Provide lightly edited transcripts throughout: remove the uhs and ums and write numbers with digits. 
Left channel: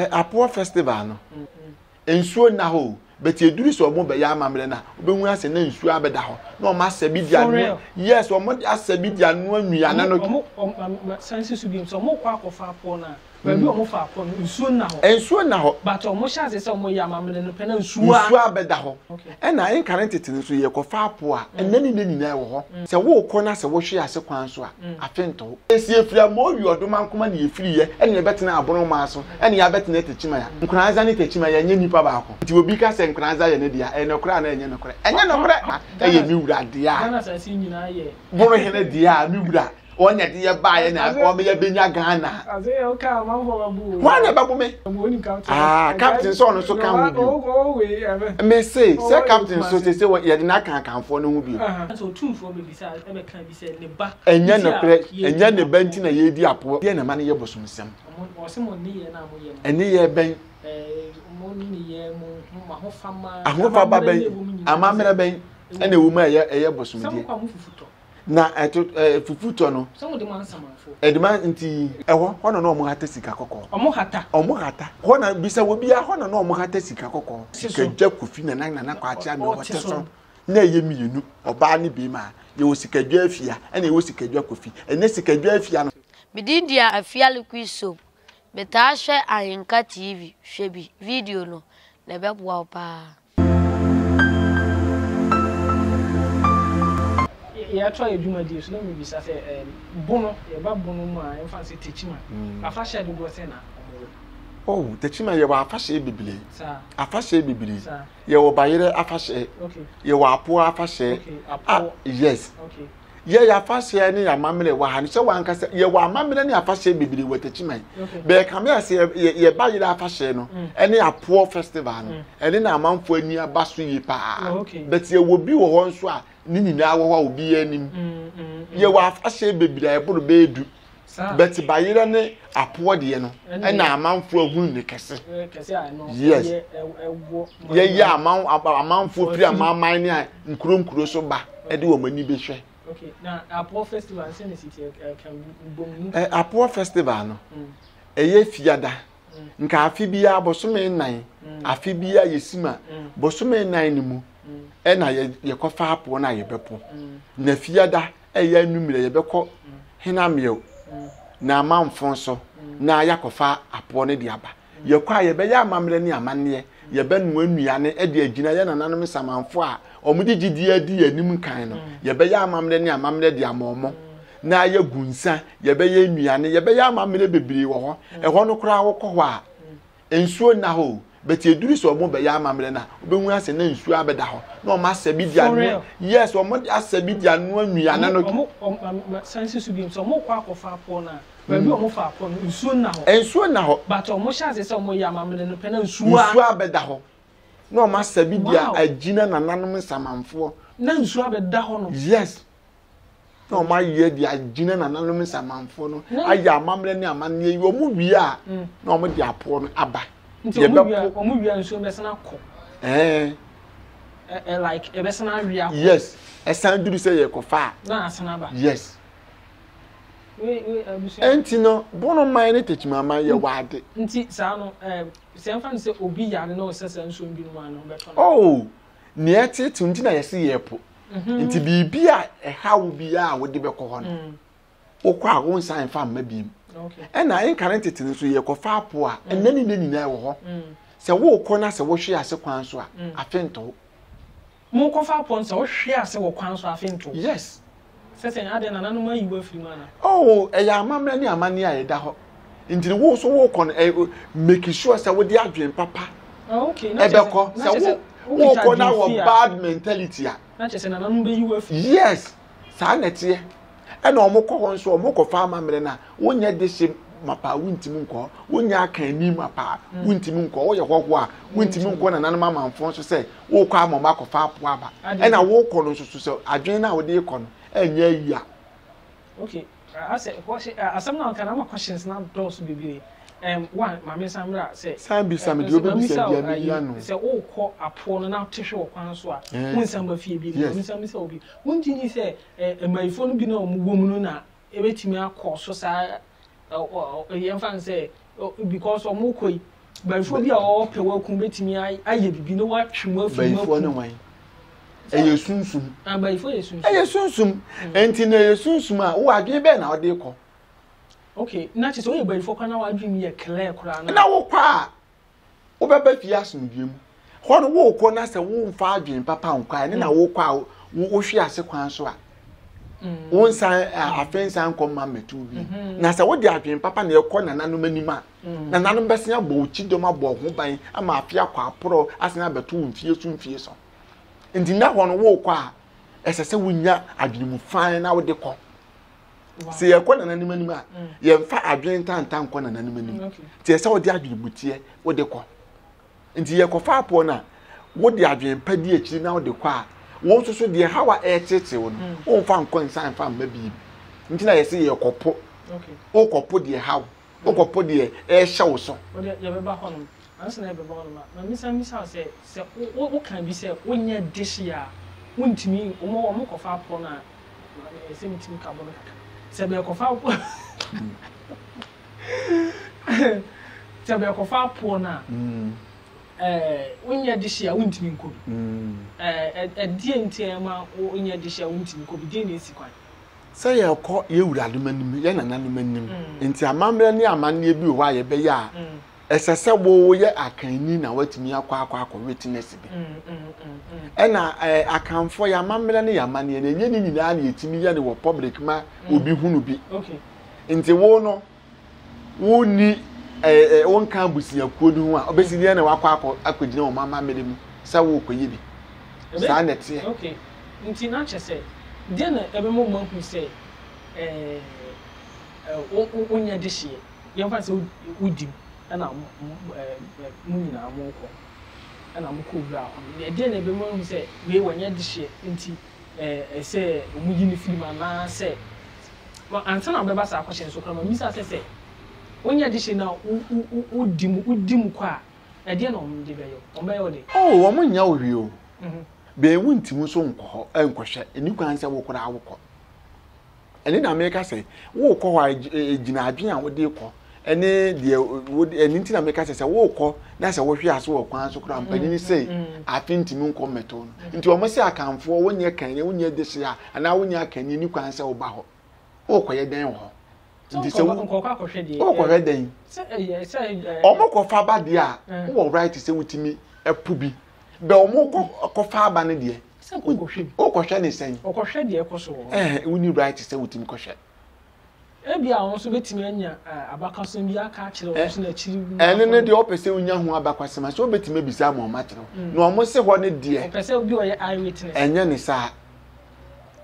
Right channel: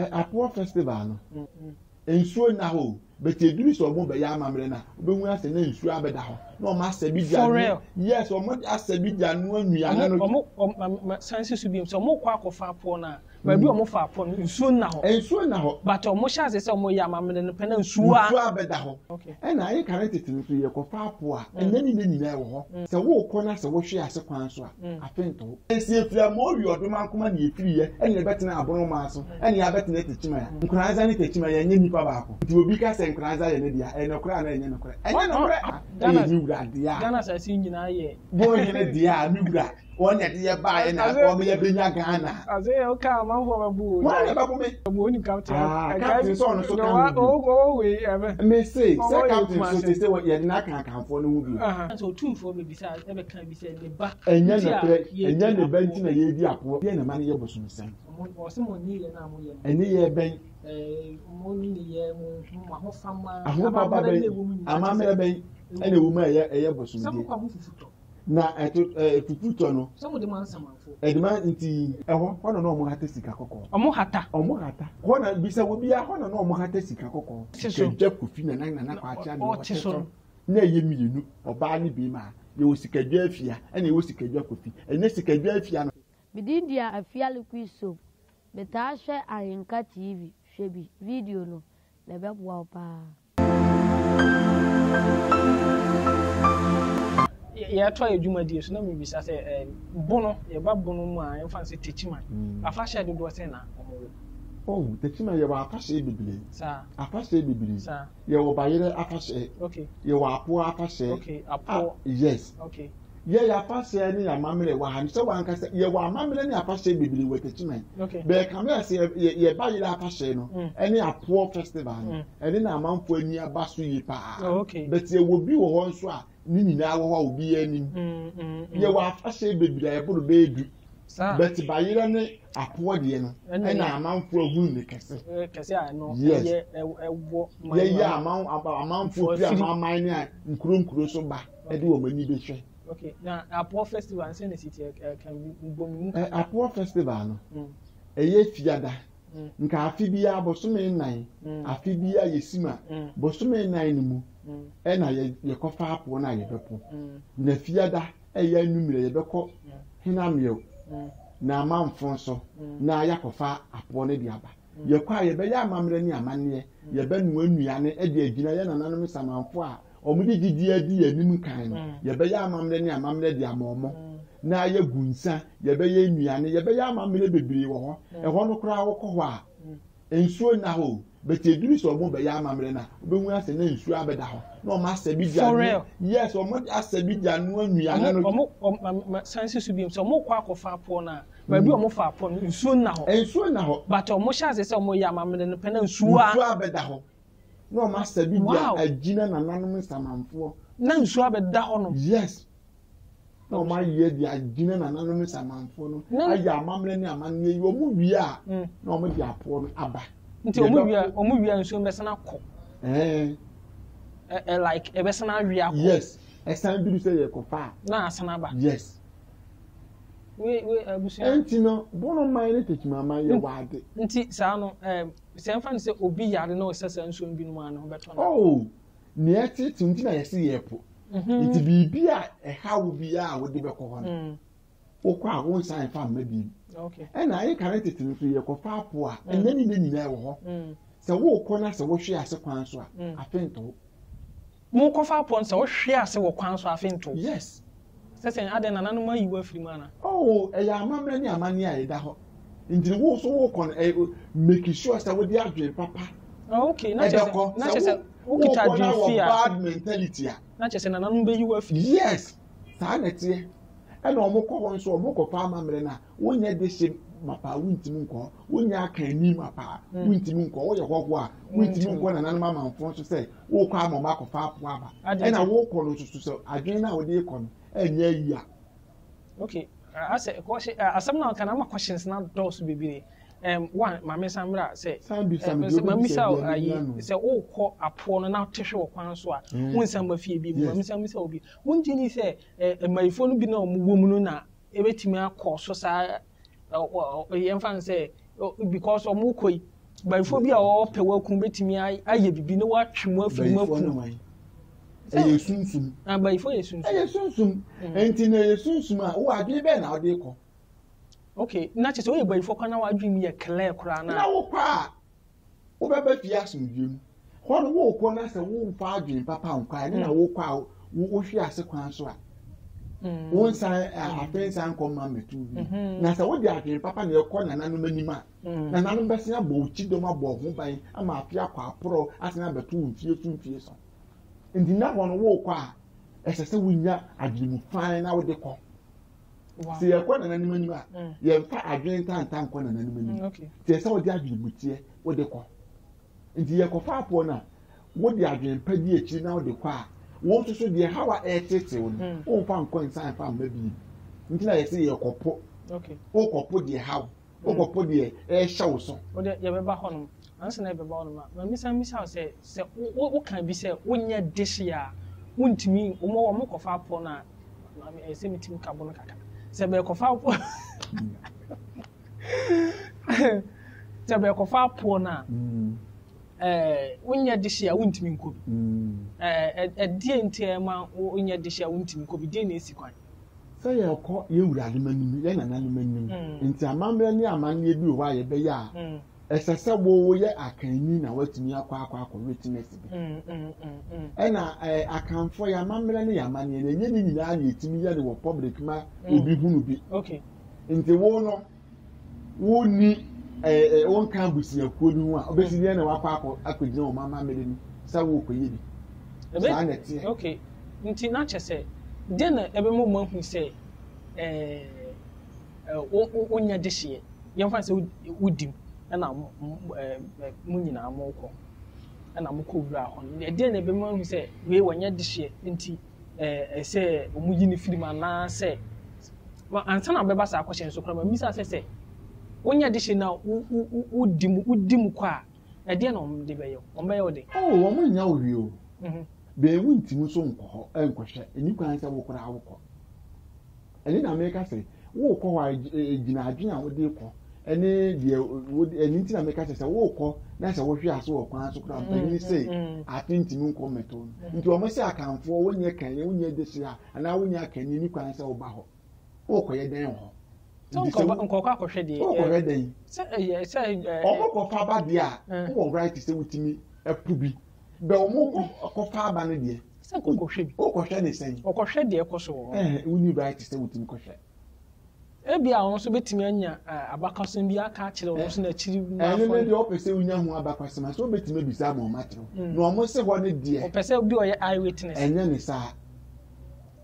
Apo festival no. Ensuo na ho, but you do so mo be ya amamre na. Obenwu ase na ensuo abeda ho. Na o ma sabi dia. Yes, o mo asabi dia no anuane no. O sanse su bi so mo kwa akofa apo na. Ba bi o mo fa apo no ensuo na ho. Ensuo na ho. But o mo sha se o mo ya amamre no pe na ensuo abeda ho. E na in current tete so ye kofa apo a enani na nyina wo ho. Se wo ko na se wo hwe ase kwan so a afento. Esi efira mo wi odoma nkoma na efiri ye ene ye betena abono ma so ene ya betena techima ya. Nkranza ni techima ya nye nipa ba ko. Ti obi ka se nkranza ye ne dia ene kora na enye nokora. Enye nokora e ye ni wura dia. Ghana sa si nyina ye. Bono hene dia ni wura. Onya de ye ba ye na ko me ye benya Ghana. Aze o ka ma ho babu. Wana babu me. Babu ni captain. Captain so no so kan. O we ebe. Me say captain so say ye de na kan kanfo no hu bi. So tumfo be bisa e be kan bi say ne ba. Enya no pre, enya ne banti na ye di apo. Ye na ma ne ye bosomsem. O se mo ni ye na mo ye. Eni ye ben mo ni ye mo ma ho fama. Ahofa ba ben. Amamere ben. Ena wu ma ye bosomdie. Sam kwa mu fufuto. Na fufuto no. Some de man samafo. Edema nti eho hono no mo hata sika kokko. Omo hata. Hona bisa wo bia hono no mo hata sika kokko. Sika gya kofi na kwa acha me wote so. Na ye mienu oba ne bi ma ye wo sika gya afia ena ye wo sika gya kofi. Ena sika gya afia no. Bididia afia liquid soap. Beta hwe Ayenka TV hwe bi video no na be boa pa. Ya try adwuma die so na me bisa say bono ye ba bono mu a emfa say techima afa share do say na oh techima ye wa afa share bibili sa afa share bibili ye wo bayere afa share okay ye wo apo afa share okay apo yes okay ye ya afa share ni ya mamele wa han se wa nkasa ye wa mamele ni afa share bibili wo techima be kam ya say ye bayere afa share no ene apo festival no ene na amanfo ani abaso yi pa but ye wo bi wo ho nso a ni nyina wo obi anim ye wa afahye bebira eburu beedu bet bayira ne apo de no na amanfo ahun ne kese a no ye ye amanfo fi amaman ne nkuro so ba e de wo mani be hwe okay na apo festival say na city kan bom apo festival no eye fiada nka afi bia bosome nan afi bia yesima bosome nan ni mu e na ye kofa apo na ye bepo na fiada e ya numire ye beko hena mew na amanfo so na yakofa apo ne de aba ye kwa ye be ya amamre ni amanne ye be nu anuane e de agina ye nananom samanfo a omudi gidi adi anim kan no ye be ya amamre ni amamre de amomo na ye gunsa ye be ye nuane ye be ya amamre bebiri wo ho e ho no kura wo ko ho a ensuo na ho but you do so mo be ya amamre na obenwu ase na ensuo abeda ho na o ma sabi dia no yes o mo asabi dia no anuane no o sanse su bi so mo kwa akofa apo na ba bi o mo fa apo no ensuo na ho but o mo sha se o mo ya amamre no pe na ensuo abeda ho na o ma sabi dia agina nananom samanfo na ensuo abeda ho no yes na o ma ye dia agina nananom samanfo no aya amamre ni amanne yi o mu wi a na o mo dia apo no aba nti omu wi anso mbesana ko like ebesana wi akọ yes esan duru say ye ko fa na asana ba yes we abusu enti no bono man ne techima man ye wade nti sa no se mfa se obi yare na osesa nso mbi no an beto oh ne eti tunti na yesi ye po nti bibi a ehawo bi a wo de be ko ho no okwa wo nsan fa ma bi okay ena in current tete so ye ko fa apo a enani na nyina wo ho se wo ko na se wo hwe ase kwan so a afento mo ko fa apo se wo hwe ase wo kwan so afento yes sesen ade na nanu ma yiwa firi mana oh ya amamra ni amane a ye da ho ndiri wo so wo ko make sure se wo di adwen papa okay na chese wo ko na wo bad mentality a na chese na nanu be yiwa firi yes sa na tie ena omukọ ho nso omukọ fa amamre na wonya de hye mapa wuntimi nko wonya aka ani mapa wuntimi nko wo ye hwehwo a wuntimi nko na nanom amanfo nso se wo kọ amama akọfa apo aba ena wo kọ no nso so adwen na wo de kọ no enya yi a okay asem na kana ma questions na dos bibire one mama samra say sambi de obi say bia no say wo kọ apo no na tehwe wo kwan so a won samba fie bi mama sambi say obi won jini say maifo no bi na omuwom no na ebetimi akọ so sa yemfa say because omukoi before be all pe wa kun betimi aye bibi no wa twemo afi before no wan eye sunsum before ye sunsum eye sunsum enti na ye sunsum a wo adwe be na wo de kɔ okay na che so ye before kwa na wa adwe mi ye clear kura na wo kwa wo be ba fi asomdwem ho no wo kɔ na sɛ wo mfa adwen papa nkwa ne na wo kwa wo hwe ase kwan so a wo nsan afensan kɔma metu bi na sɛ wo de adwen papa na ekɔ na nanom anima na nanom bɛsen abɔ ochidom abɔ ho ban ama afia kwa aporo asen abeto mfie so ndi na ho no wo kɔ a ɛsɛ sɛ wonya adwen mu fan na wo de kɔ se yɛkɔ na nanom anima yɛmfa adwen tantan kɔ na nanom anima te sɛ wo de adwen mutie wo de kɔ ndi yɛkɔ fa apɔ na wo de adwen pa di akiri na wo de kɔ a won so de hawa tete wo no won fa nkɔ nsan fa mba bi nti na yɛse yɛkɔpo okay o kɔpo de hawo o kɔpo de hyɛ wo so o de yɛbɛba hɔ no ansa na yɛbɛba hɔ no na misa sɛ wo kan bi sɛ wonyɛ dish ya wontimi wo kɔfa apɔ na ɛsɛ mitimi ka bɔ no kaka sɛ bɛ kɔfa apɔ sɛ bɛ kɔfa apɔ na wonya dish ya wontimi nkobi die ntiema wonya dish ya wontimi nkobi die na esi kwan sɛ yɛkɔ yɛwura manim yɛ nana manim nti amamre ne amanne bi wo ayɛ bɛyɛ a ɛsɛ sɛ wo yɛ akanni na watumi akɔ witness bi ɛna akanfo yɛ amamre ne amanne na enye ni nyinaa na yɛtimi yɛ ne wɔ public ma obi hunu bi okay nti wo no wo ni won kan busiakuo du ho a obesi ne na wakɔ akɔgyina wo mama mmere mu sɛ wo kɔyɛ bi saa na tie okay nti na kyɛ sɛ de na ebe mo mahu sɛ wonya de hye yɛmfa sɛ wodim ɛna mo nyinaa mo kɔ ɛna mo kɔ wura hɔ de na ebe mo mahu sɛ we wonya de hye nti sɛ mo yi ne film ana sɛ ansa na bɛba sa akɔhyɛ nso kra ma misa sɛ wonya de hye na wodim kɔ a de na ɔmo de bɛyɛ ɔmo bɛyɛ ɔde ɔmo nya owie o be wuntimu so nkɔ enkɔhwɛ eni kwan sɛ wo kora awokɔ eni na meka sɛ wo kɔ hɔ gyina adwen a wo de kɔ ene de eni nti na meka sɛ wo kɔ na sɛ wo hwe ase wo kwan so kora mpani sei afintimi nkɔ meto no nti o mo sɛ akanfo wonye kan ne wonye de hye a ana wonye akan ni kwan sɛ wo ba hɔ wo kɔ yɛ den hɔ nti sɛ nkɔ akɔhwɛ de wo kɔ yɛ den sɛ o mo kɔ fa ba de a wo right sɛ wutimi epu bi be omo ko fa aba ne de se ko hwe bi o ko hwe ne sen o ko hwe de e ko so uni right se wutimi ko hwe e bia won so betimi anya abakaso bi aka akire won so na chiri ne de o pese unya ho abakasema so betimi bisa mo ma kire no omo se ho ne de o pese bi o ye eye witness enye ne sa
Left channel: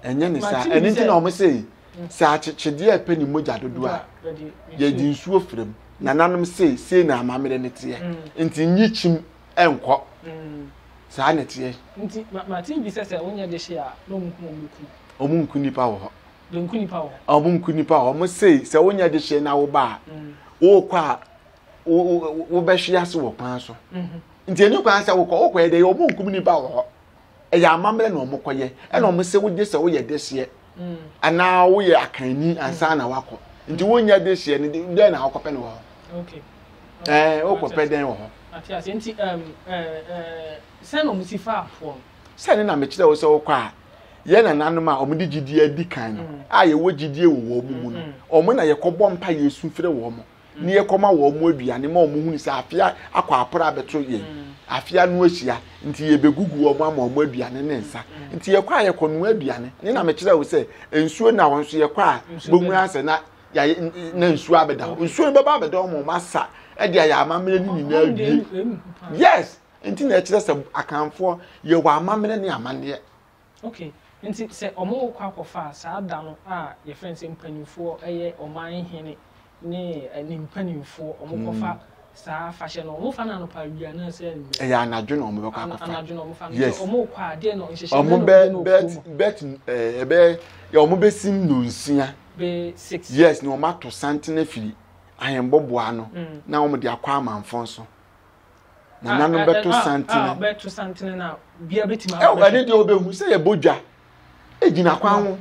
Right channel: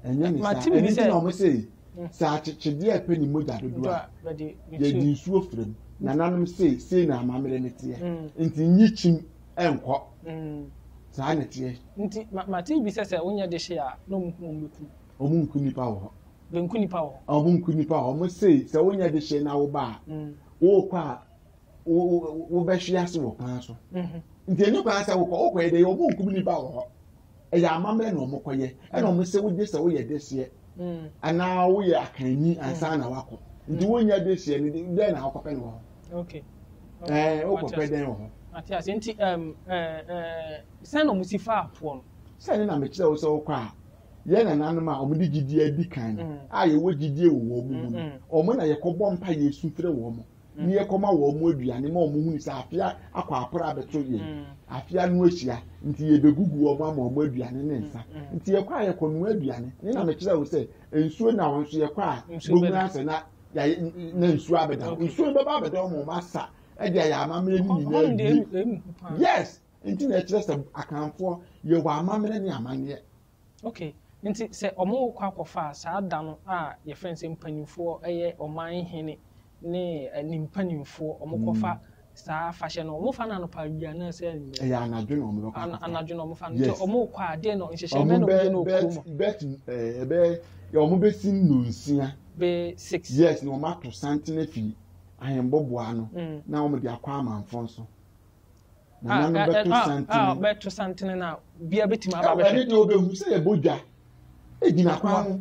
eni ti na omo se sa chechede e pe ni moja dodo a ye di nsuo frem na nanom se na amamere ne te nti nyichim enko saa na tie nti ma ti bi sese wonya de hye a no omunku nipa wo ho benku nipa wo omunku nipa wo mo sei se wonya de hye na wo ba wo kwa wo be hye ase wo kwan so nti enyu kwan se wo kɔ de omunku nipa wo ho e ya amamre na omokoye e na omo se wo de se wo ye de hye ana wo ye akanni ansa na wakɔ nti wonya de hye ne de na akɔpɛ ne wo okay wo kɔpɛ den wo ho Atias nti sen no musifa afo sen na me kire wo se wo kwa ye na nanom a omudi gidie adi kan no a ye wo gidie wo mu no omo na ye kɔbɔ mpa Yesu fire wo mo ne ye kɔma wo mo aduane ma omo hunu se afia akɔ apora beto ye afia no ahia nti ye begugu wo mo ama omo aduane ne nsa nti ye kwa ye kɔ no aduane ne na me kire wo se ensuo na won so ye kwa bomu ase na ya na nsuo abeda nsuo beba abeda omo masa e dia ya amamre ni nyina bi yes nti na ekire se akanfo ye wa amamre ni amane okay nti se omo kwa akɔfa saa da no a ye friends mpanimfo eye oman hene ne ani mpanimfo omo kɔfa saa fashion no omo fa na no pa bia na se ya anadwo na omo bɛkɔ akɔfa anadwo na omo fa no omo kwa ade no nhyehyɛ omo bet ebe ya omo besim no nsia be 6 yes no omo to santene firi ahemboboa no na omo de akwa amanfo so na nanu beto santene na bia betima aba e de obehu se ye bodwa ejina kwa ho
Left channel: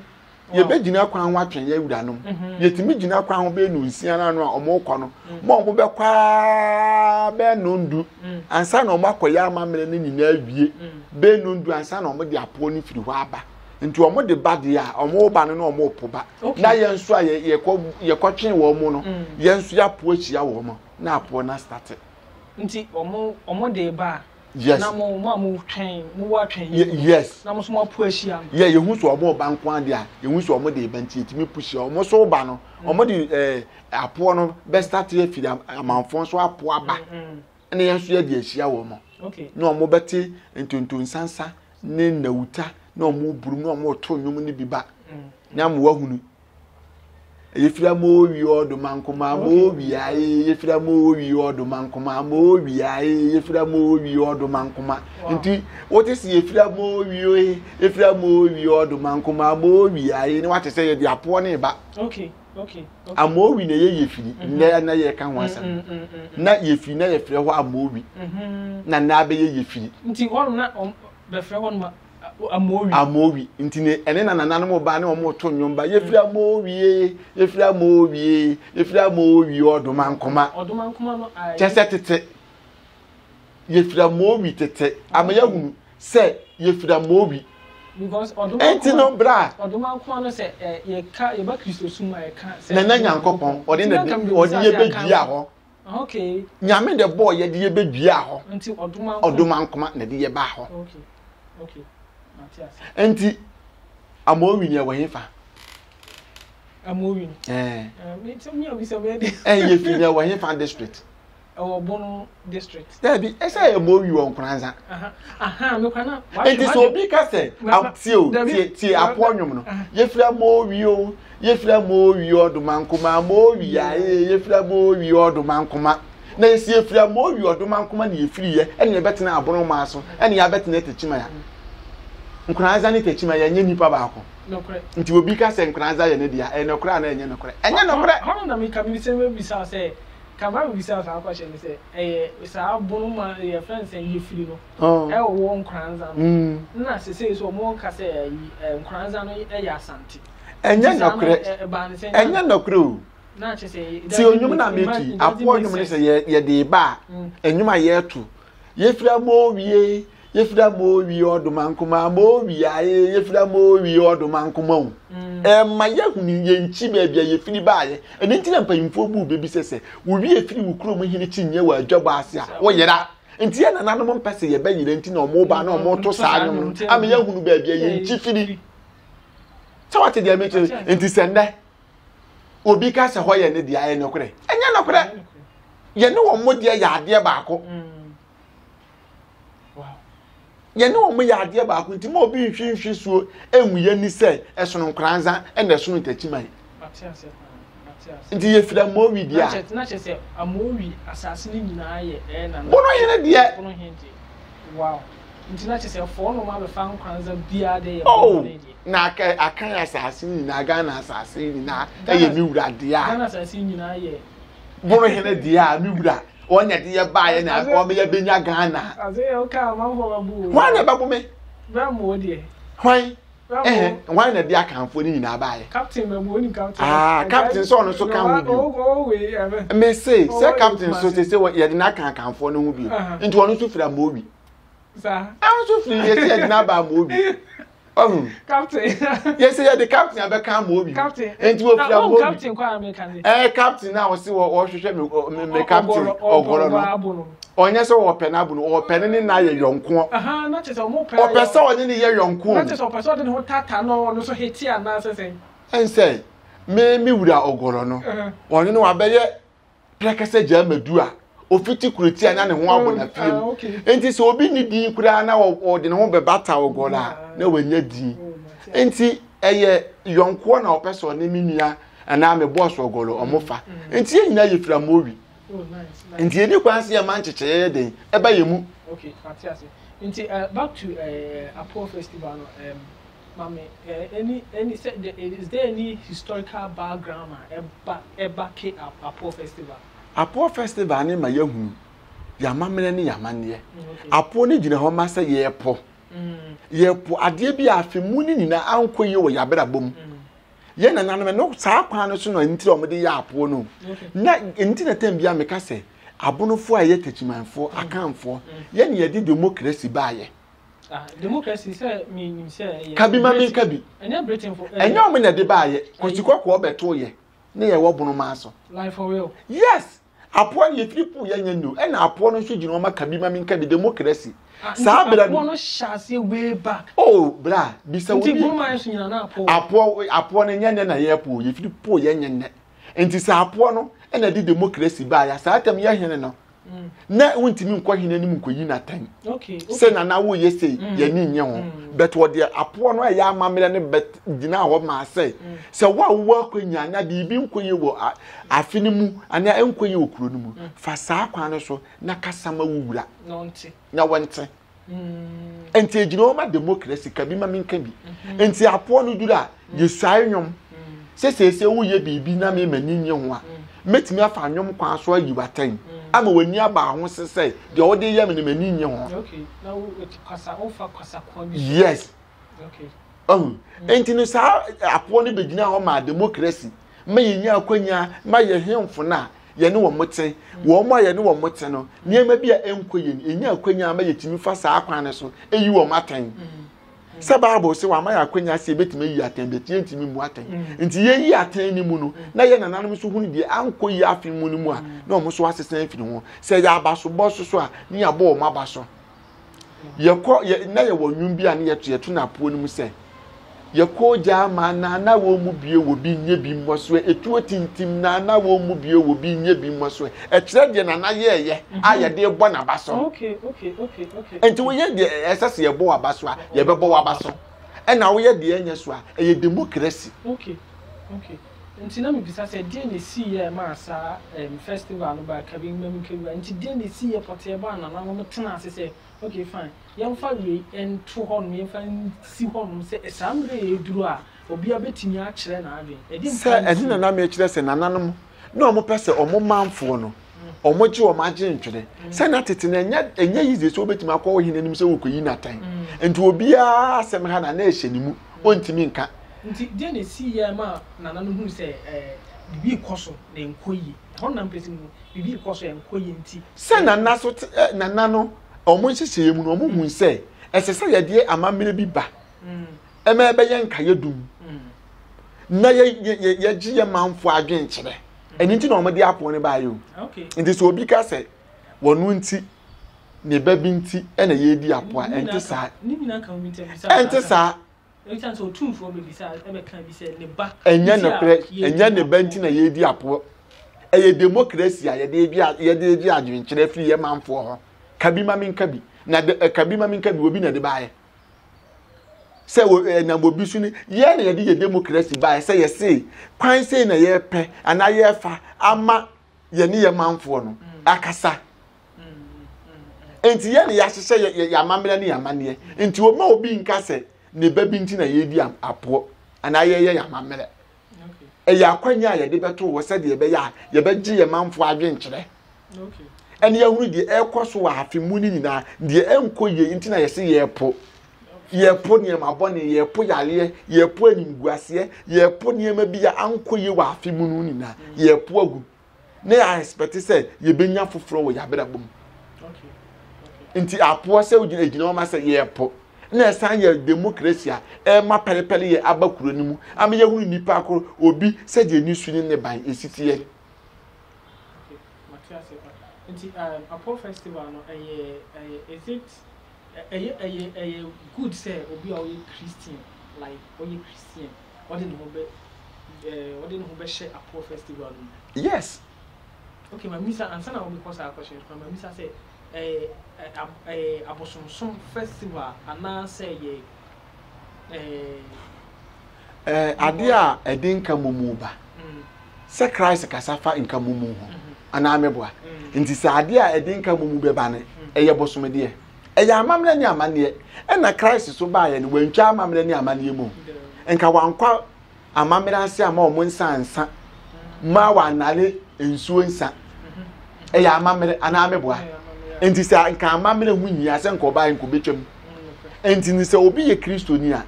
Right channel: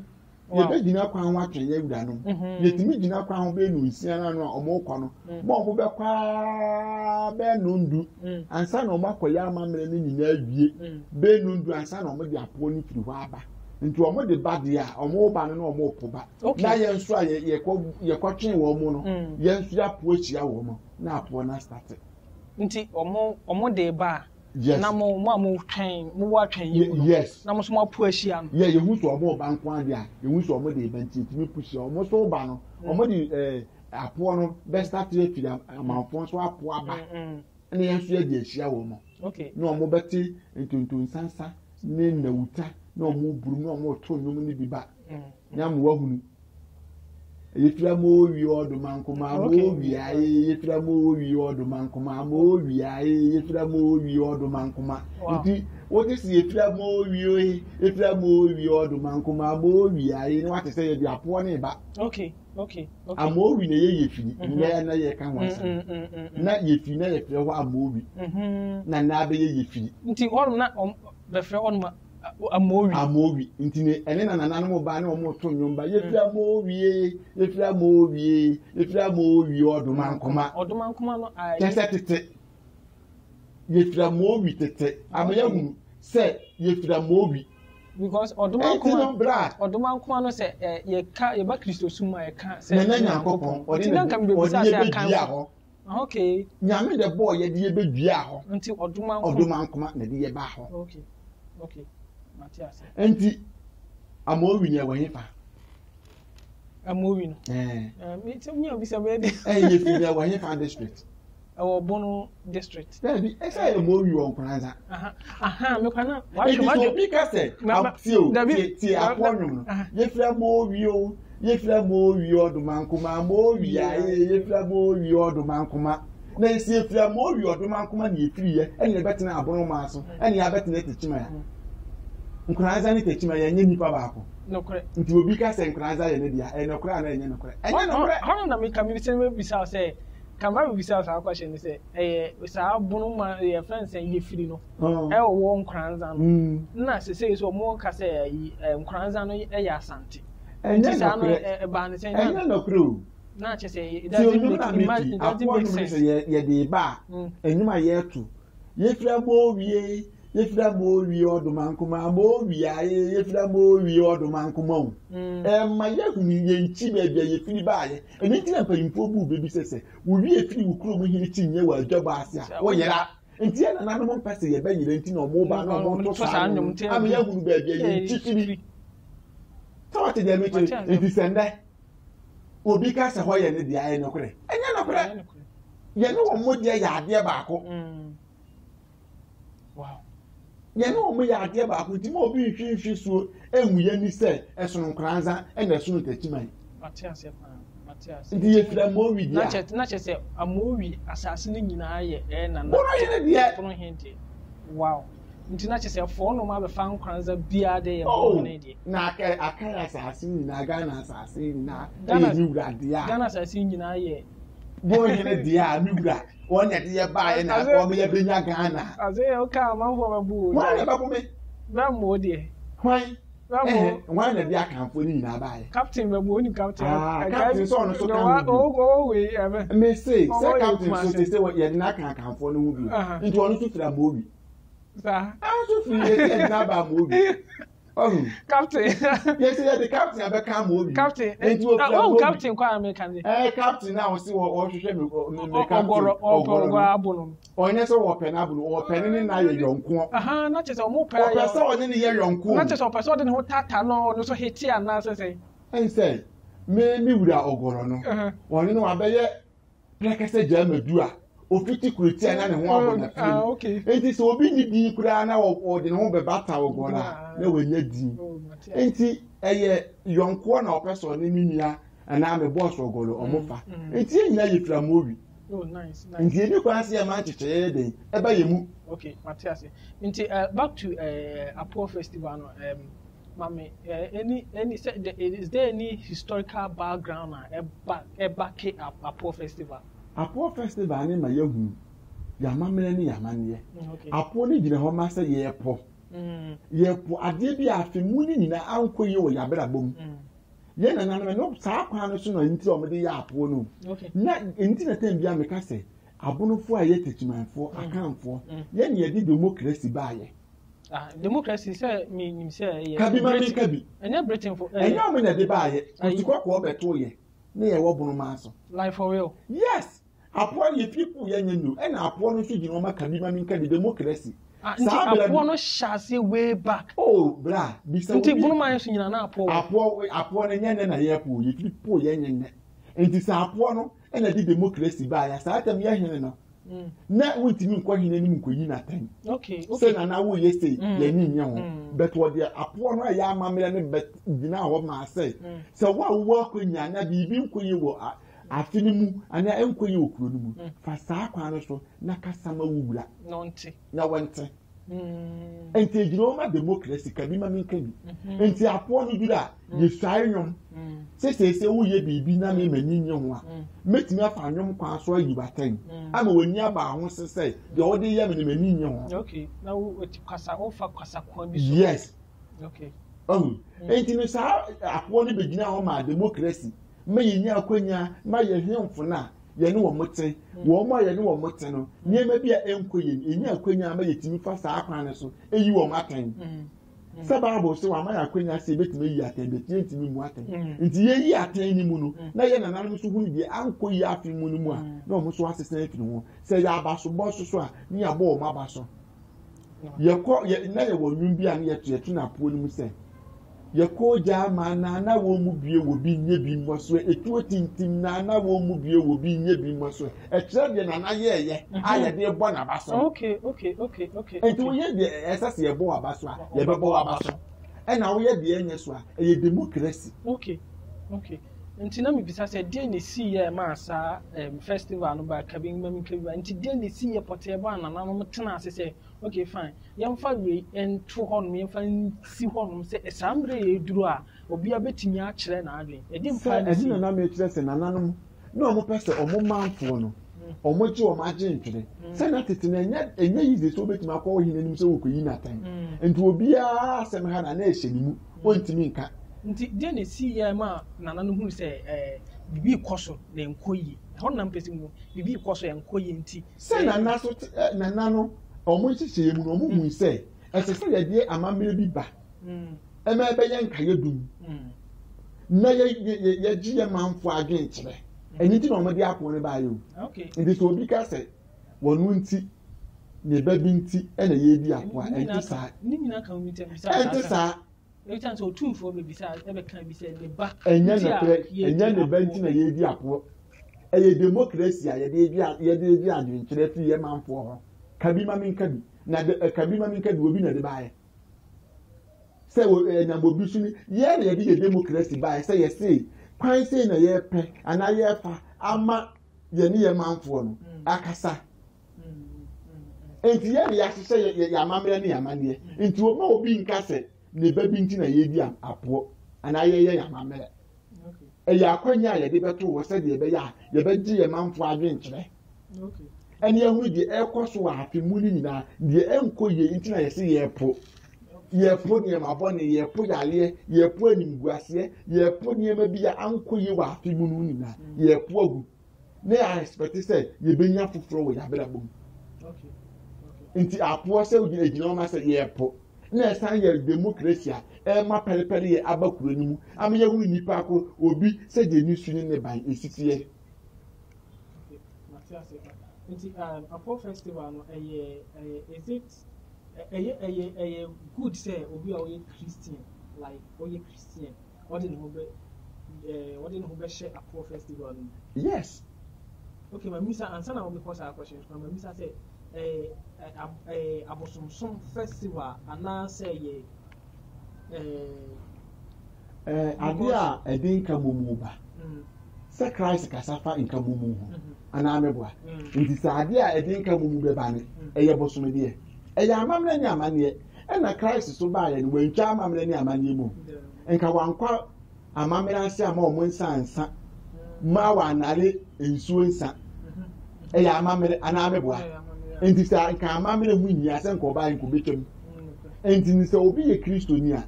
ye be gina kwan ho atwen ye wura no ye timi gina kwan ho be nu nsia na no a omo kɔ no mo ho be kwa be no ndu ansa na omo akɔya amamre ne nyina awie be no ndu ansa na omo de apo ni firi hɔ aba nti omo de ba de a omo ba no na omo po ba na ye nso a ye kɔ twen wo mo no ye nso ya po achia wo mo na apo na start nti omo de ba yes na mo twen mo wa twen yes na mo so mo po achia ye hu so omo ba nko ade a ye hu so omo de ba nti timi pushi omo so ba no omo de apo no be start ye firi amanfo so apo aba na ye nso ye de achia wo mo okay na omo beti ntonton sansa ne nawuta na omo buru na omo to nwom ne biba na mo wahunu yefira mo wi odumankoma mo wi aye yefira mo wi odumankoma mo wi aye yefira mo wi odumankoma nti what is yefira mo wi yefira mo wi odumankoma mo wi aye ni wate say ye di apo ne ba okay amo wi na ye yefiri na ye ka ho asa na yefiri na ye frɛ ho amo wi na be ye yefiri nti won na be frɛ won ma amowi ntine ene na nananom ba ne omo to nwomba yefira mowi yefira mowi yefira mowi odumankoma no chese tete yefira mowi tete amaya hunu se yefira mowi because odumankoma no se ye ba Kristo suma ye ka se na nyankopon odi ye bedua ho okay nyame de boy ye de ye bedua ho nti odumankoma na de ye ba ho okay enti amowi ni ewefa amowi it's me obisa be dey ye fi ni ewefa district Obono district bi esa amowi won kranza me kwana enti so bi ka se ti aponwom no ye fi amowi o ye fi amowi odumankoma amowi ya ye fi amowi odumankoma na esi ye fi amowi odumankoma na ye firi ye ene betena abono ma so ene ya betena techima ya nkranza ni techima ya nye nipa baako nokre nti obi ka se nkranza ye ne dia nokre na enye nokre hono na me kam bi se me bisa se kama bi bisa sa kwashe ni se sa abono ma ye friends en ye firi no wo nkranza no na se so mo ka se nkranza no ya asante enye nokre o na che se ti onyum na meki apo onyum ni se ye de ba enyum aye tu ye fira mo wie yefira mo wi odumankoma mo wi aye yefira mo wi odumankoma ma yahuni ye nchi ba bia yefiri baaye eni nti na mpanyimfo bu bebi sese wo wi efiri wo kuro mo hini chinye wa adwaba ase a wo yera nti ya nananom mo mpese ye ba yire nti na omo ba na omo to saa no am yahunu ba bia ye nchi firi so what dey make nti sende obi ka se ho ye ne dia ye nokre enya nokre ye ne wo mo dia ya ade baako ye no mo ya ade ba ko nti mo bi nhwehwe suo enwuye ni se esono nkranza ene esono tachimai matiase nti ye fira mo wi dia na che se amowi asase ni nyina ye na bono ye ne dia bono hente wow nti na che se fo no ma be fa nkranza bia de ye bono ne dia na akan asase ni na ga na asase ni na ye mi wura dia na asase nyina ye bono ye ne dia mi wura onya de ye ba ye na ko me ye benya Ghana aze o ka ma ho babu wa na babu me ba mo de hwan wa na de akanfo ni nyina ba ye captain ba mo ni captain captain so no so kan o we ebe me say captain so say ye de na akanfo no hu bi nti wonu so fira mo bi sa an so fira ye de na ba mo bi captain yes ye the captain abeka mo bi captain nti wo fira mo captain kwa American captain na wo se wo hwehwe me captain ogoro onye so wo pe na bu no wo pe ni na ye yonko na che so mo pe o pe so oni ni ye yonko na che so pe so de ho tata no so heti ana sese ense me wura ogoro no oni no abeye prekese jamadu a ofiti kureti anya ne ho abona fiem enti so obi ni din kura na wo de ne ho be bata ogoro na wanya din enti eye yonko na opeso ne minua ana me boss ogoro omofa enti ye nyina ye fira mowi oh nice enti eni kwanse ya manchecheye den eba yemu okay Matthias enti back to Apo festival no mami is there any historical background eba ke Apo festival ni ma yahunu ya mamene ni ya manne Apo ni gina ho ma se ye po ade bi afemu ni nyina ankoye wo ya bra bom ye na nanam no saa kwa no so no ntire o mede ya apo no na ntire tem bia meka se abonofo a ye techimanfo akanfo ye ne ye di democracy ba ye democracy say me say kabi ma me kabi enya Britain for enya o me na de ba ye kotikwa ko obeto ye ne ye wo bono ma so life for real yes apo ye people ye nyanyo e na apo no so gino o ma kabi ma me kabi democracy sa bla apo no shase way back oh bra bi se nti bono ma so nyina na apo no nyanya na ye po ye firi po ye nyenne enti sa apo no e na di democracy ba ya sa atam ye hene no na wontimi nkɔ hene nim nkɔyi na tan okay se na wo ye se ye ni nye ho but wo de apo no ya amamere ne bet gina ho ma se wo akwanya na bibi nkɔyi wo afini mu ana nkɔyi wo kuro no mu fa saa kwa no so na kasama wura na wonte enti ejina o ma democracy ka bi ma minka bi enti apo no dura ye suai nwom se wo ye bibi na me mani nye ho a metimi afa nwom kwa so ayi watan ama wani aba ho sese de o de ye me mani nye ho okay na wo kwasa ofa kwasa kwa bi yes okay enti no sa apo no begina ho ma democracy ma yinya akwanya ma ye hemfo na ye ne wo moten wo mo ye ne wo moten no niema bia enkoye enya akwanya ma ye timi fa sa akwan ne so eyi wo matan se bible se wa ma ya akwanya se betimi yi atan betie ntimi mu atan nti ye yi atan ni mu no na ye nananom so hunu die ankoyi afi mu ni mu a na o mo so asesen afi ho se ya abaso boso so a ni ya bo o ma baso ye ko na ye wo nwum bia na ye to na po ni mu se ye ko ja ma na wo mu bie wo bi nye bi mmoso etuo tintim na wo mu bie wo bi nye bi mmoso e kire de na ye aye de bo na baso okay enti wo ye de esase ye bo abaso a ye be bo abaso e na wo ye de enye so a ye democracy okay nti na me bisa se de ne si ye ma sa festival no ba kabin mam kabin nti de ne si ye pote ba na no tena ase se okay fine yam fa we en to hon me fa si hon se esamre ye duru a obi abetimi a kire na adwen edi mfa edi na me kire se nananom na omo pese omo manfo no omo ji omo age ntwede se na tete na enya yize so obetimi akọ hine nim se wokoyi na tan enti obi a asem ha na ehye ni mu ontimi nka nti de ne si ye ma nananom hu se bibi koso de nkoyi hon na mpesi mu bibi koso enkoyi nti se nana so nanano omo nhyehyɛ mu no omo hu se esese ye de amamere bi ba ema ebe ye nka yedum na ye gi ye manfo adwen kyere eni nti na omo de apo ne ba yo okay nti so obi ka se wonu nti ne ba bi nti na ye di apo a enti sa ni nyina ka omi bisa enti sa enti so tumfo be bisa ebe kan bi se ne ba enya ne ba nti na ye di apo eye democracy a ye de di adwen kyere firi ye manfo ho kabi ma min kabi na kabi ma min kabi obi na de baaye se na bobi su ni ye na ye democracy baaye se ye se kwan se na ye pe ana ye fa ama ye ni ye manfo no akasa enti ye na ya hyehyɛ ya amamre ne ya mane enti o ma obi nka se ne ba bi nti na ye di apo ana ye ya amamre ya akwanya ye de beto wo se de ye be ya ye be gi ye manfo adwen kyere okay eni ehuru de ekoso wa afimu ni nyina de enkoye nti na yesi yepo ne ma bone yepo yale yepo animguase yepo ne ma bia ankoye wa afimu nu nyina yepo agu na ya expect say ye benya foforo wo ya belabom okay nti apo se ugina o ma say yepo na san ye democracy a ma pelepele ye abakuro ni mu am ye huru nipa akoro obi se de ni suni ne ban esitiye nti Apo festival no is it good say obi a we Christian like we Christian what did no be share Apo festival no yes okay my misa answer na because our question my misa say Abosomsom festival ana say ade a edin ka mumu ba se Christ kasafa nka mumu ho ana ameboa nti sa ade a edin ka mumu be ba ne eye bosomde eye amamre ni amane na Christ so ba ye ne wantwa amamre ni amane mu nka wankwa amamre ase ama o nsa ma wa nare ensuo nsa eye amamre ana ameboa nti sa nka amamre hu nyia se nka oba nko betwam nti ni se obi ye Kristo ni a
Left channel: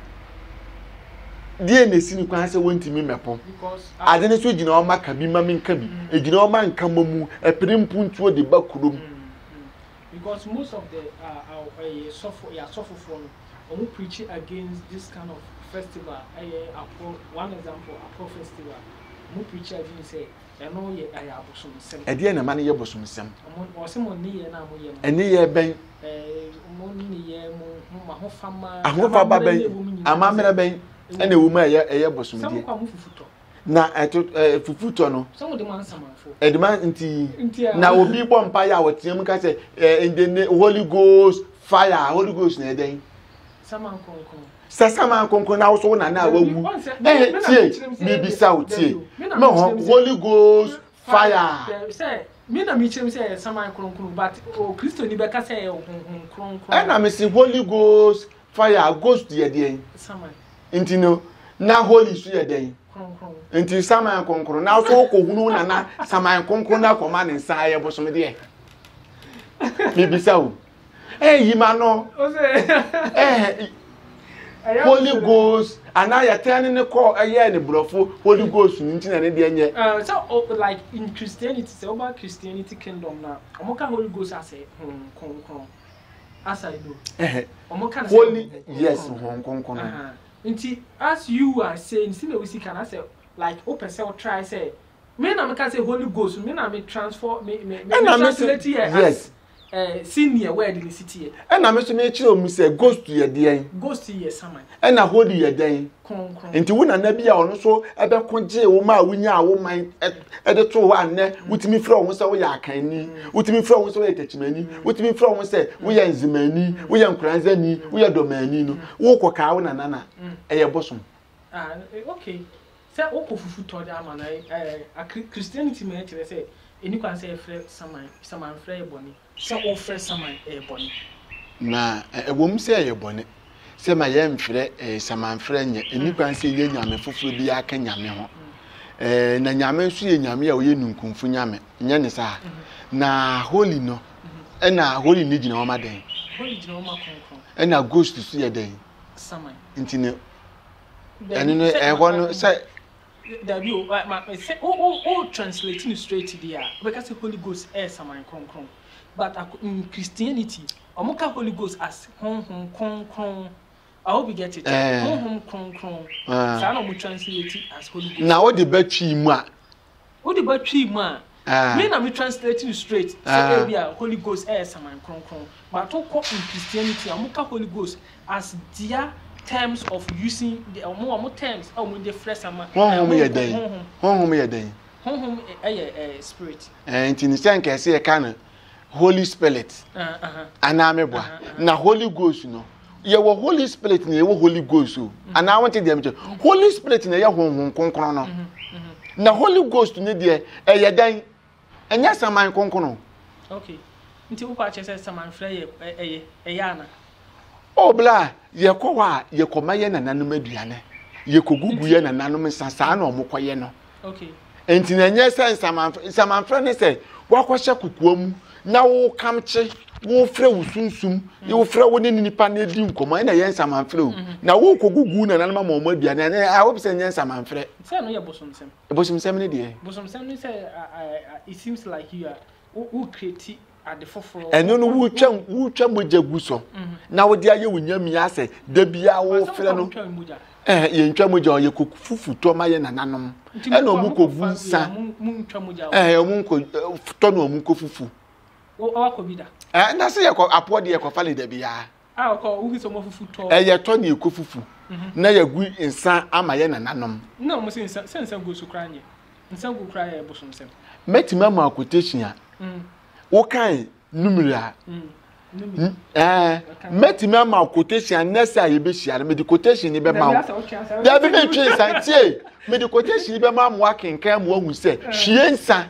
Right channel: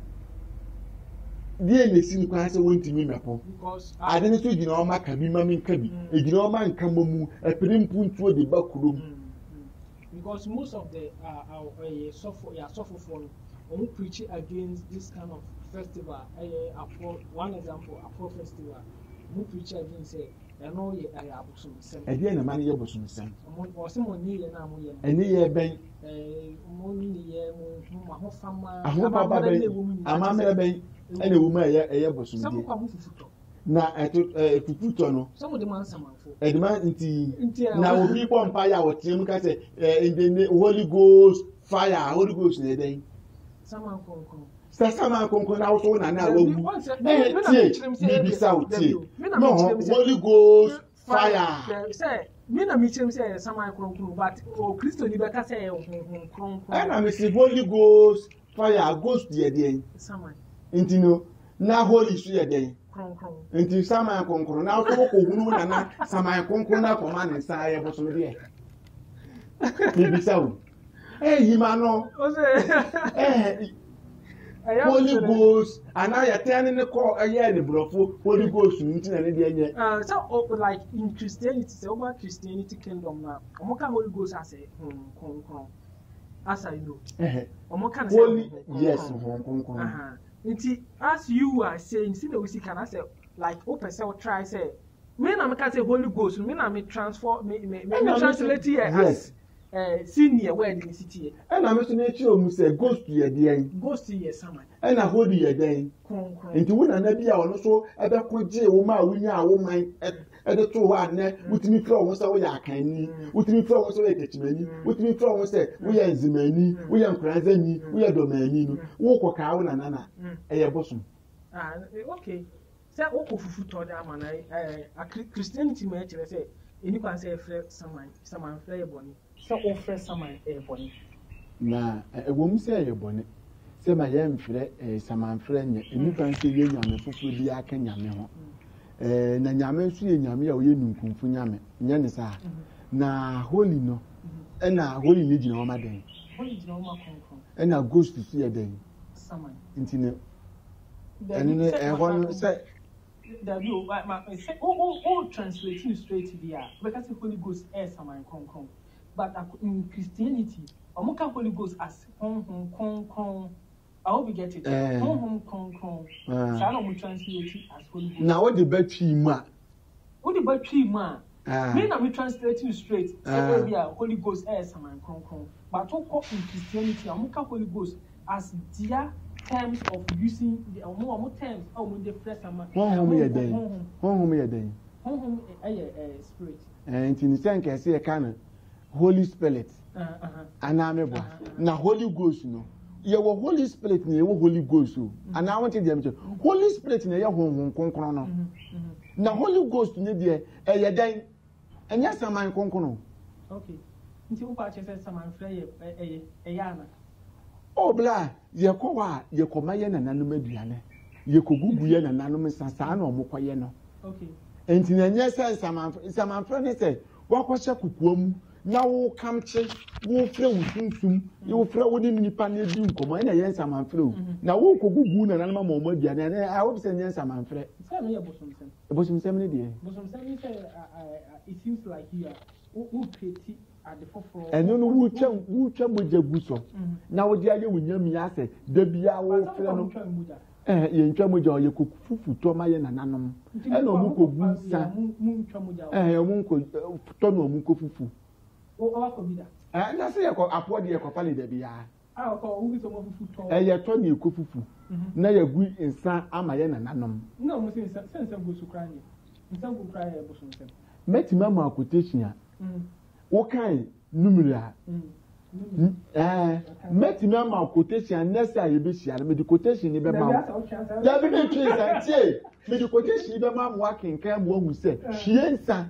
die na esi ni kwan se wontimi mepo ade ne so gina o maka bi ma menka bi e gina o ma nka mamu e pirimpu ntuo de bakurom because most of the suffer who preach against this kind of festival one example Apple festival who preach against say eno ye ayabosum sem e de na ma ne ye bosum sem o se mo ni ye na mo ye ene ye ben mo ni ye mo ma ho fama ahofa ben amamere ben ene wo ma ye bosum die na fufuto no some of the man samanfo edema nti na obi bompa ya wotiam ka say in the Holy Ghost fire Holy Ghost na eden saman konkon saman konkon na wo na wawu tie me bisa wo tie me Holy Ghost fire say me na me chem say saman konkon but o Kristo ni be ka say konkon na me say Holy Ghost fire ghost ye den saman nti no na holy su ye den nti saman konkon na so ko hunu na saman konkon na koma ne nsa ye bosom de me bisa wo yima no Holy Ghost ana ya tani ne ko ne brofo Holy Ghost nti na ne de enye so like in Christianity say over Christianity kingdom na omoka Holy Ghost as konkon as I know omoka Holy yes konkon nti as you are saying see we see can I say like open say try say me na me can say Holy Ghost me na me transform me translate here yes senior where the city and na me so me chiro mu say ghost ye den ghost ye saman and na holy ye den konkon nti wo na na bia ono so ebe koje wo ma wunya wo man e de to wa ne wutimi fra wo say wo ya akanni wutimi fra wo say wo ya techimani wutimi fra wo say wo ya nzimani wo ya nkranzani wo ya domani no wo koka wo na na e ye bosom okay say wo ko fufu to da ma na Christianity me tell say eni kwan say frɛ saman frɛ eboni so o frɛ saman eboni na ewom say eboni se ma ye mfrɛ saman frɛ nya eni kwan say ye nyame foforo bi aka nyame ho na nyame nso ye nyame a o ye nunkunfu nyame nya ne sa na holy no na holy ni gina o ma den holy gina o ma konkon na ghost so ye den saman nti ne eni no ho no say that you say oh translating straight there because Holy Ghost is saman konkon but in Christianity omoka Holy Ghost as konkon I hope you get it konkon so no mo translate as Holy Ghost na what the battery mu a what the battery mu a me na me translating straight say we are Holy Ghost is saman konkon but to in Christianity omoka Holy Ghost as their terms of using the more terms when they fresh sama honhom ye den spirit nti ni senke se ye kan Holy Spirit ana mebo na Holy Ghost no ye wo Holy Spirit na ye wo Holy Ghost o ana wonte dem che Holy Spirit na ye honhom konkon no na Holy Ghost ne de ye dan enya saman konkon okay nti wo kwa che se saman frɛ ye ana obla ye kowa ye komaye na nanum aduane ye kogugu ye na nanum nsasa na omokoye no okay enti na nye se samanfra ne se wakwahye kukuam na wo kamche wo frɛ wo sunsum ye wo frɛ wo ne nipa na edi nkomo na ye samanfra o na wo kogugu na nanum ma omo aduane na a wo be se nye samanfra se no ye bosomsem bosomsem ne de bosomsem ne se it seems like you are who create at the forefront eno no wu twa moja guso na wo dia ye wunyami ase da bia wo frɛ no ye ntwa moja o ye kofufu to ma ye nananom ena omu kogu nsa omu ko to no omu kofufu o akobida na se ye ko apode ye ko fale da bia ko ubi so mo fufu to ye to na ye kofufu na ye gu nsa ama ye nananom na mo se nsa go so kranye nsa go kraye bosomsem metima ma quotation a wo kan numera metime ma quotation nessa ye be hia me di quotation ni be ma da be twe santie me di quotation be ma mo akenkan mo ahu se hwie nsa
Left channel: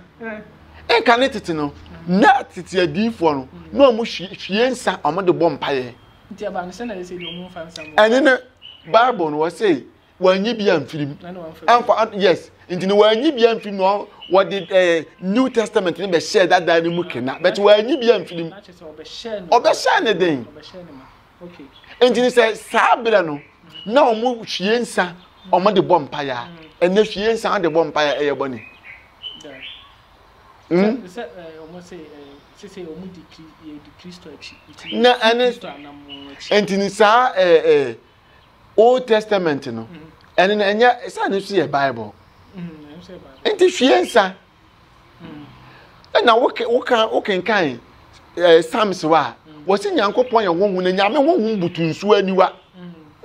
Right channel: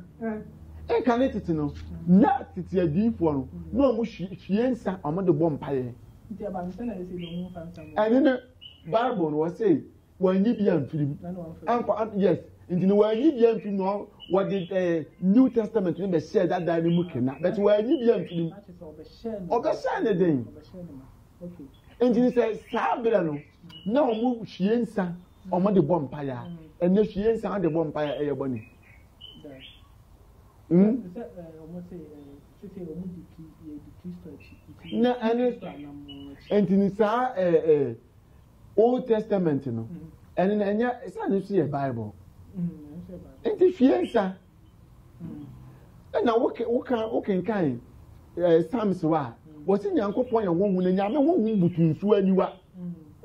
enka ne tete no na tete adifo no na mo hwie nsa o mo de bom paye nti aba no se na se do mo fa nsa mo ene ne bible no wo say wanyi bia mfirim amfa yes nti no wanyi bia mfirim no what the New Testament ni be share that ni mu kena but wanyi bia mfirim obe share ne den okay nti ni say sabira no na o mu hwie nsa omo de bom pa ya ene hwie nsan de bom pa ya eye boni se omo se omo di Kristo achi na ane entini sa Old Testament no ene na enya sa ne so ye Bible enti hwie nsan na woken kan Psalms wa wosi Nyankopon ye wonhu na nyame wonhu butunsu aniwa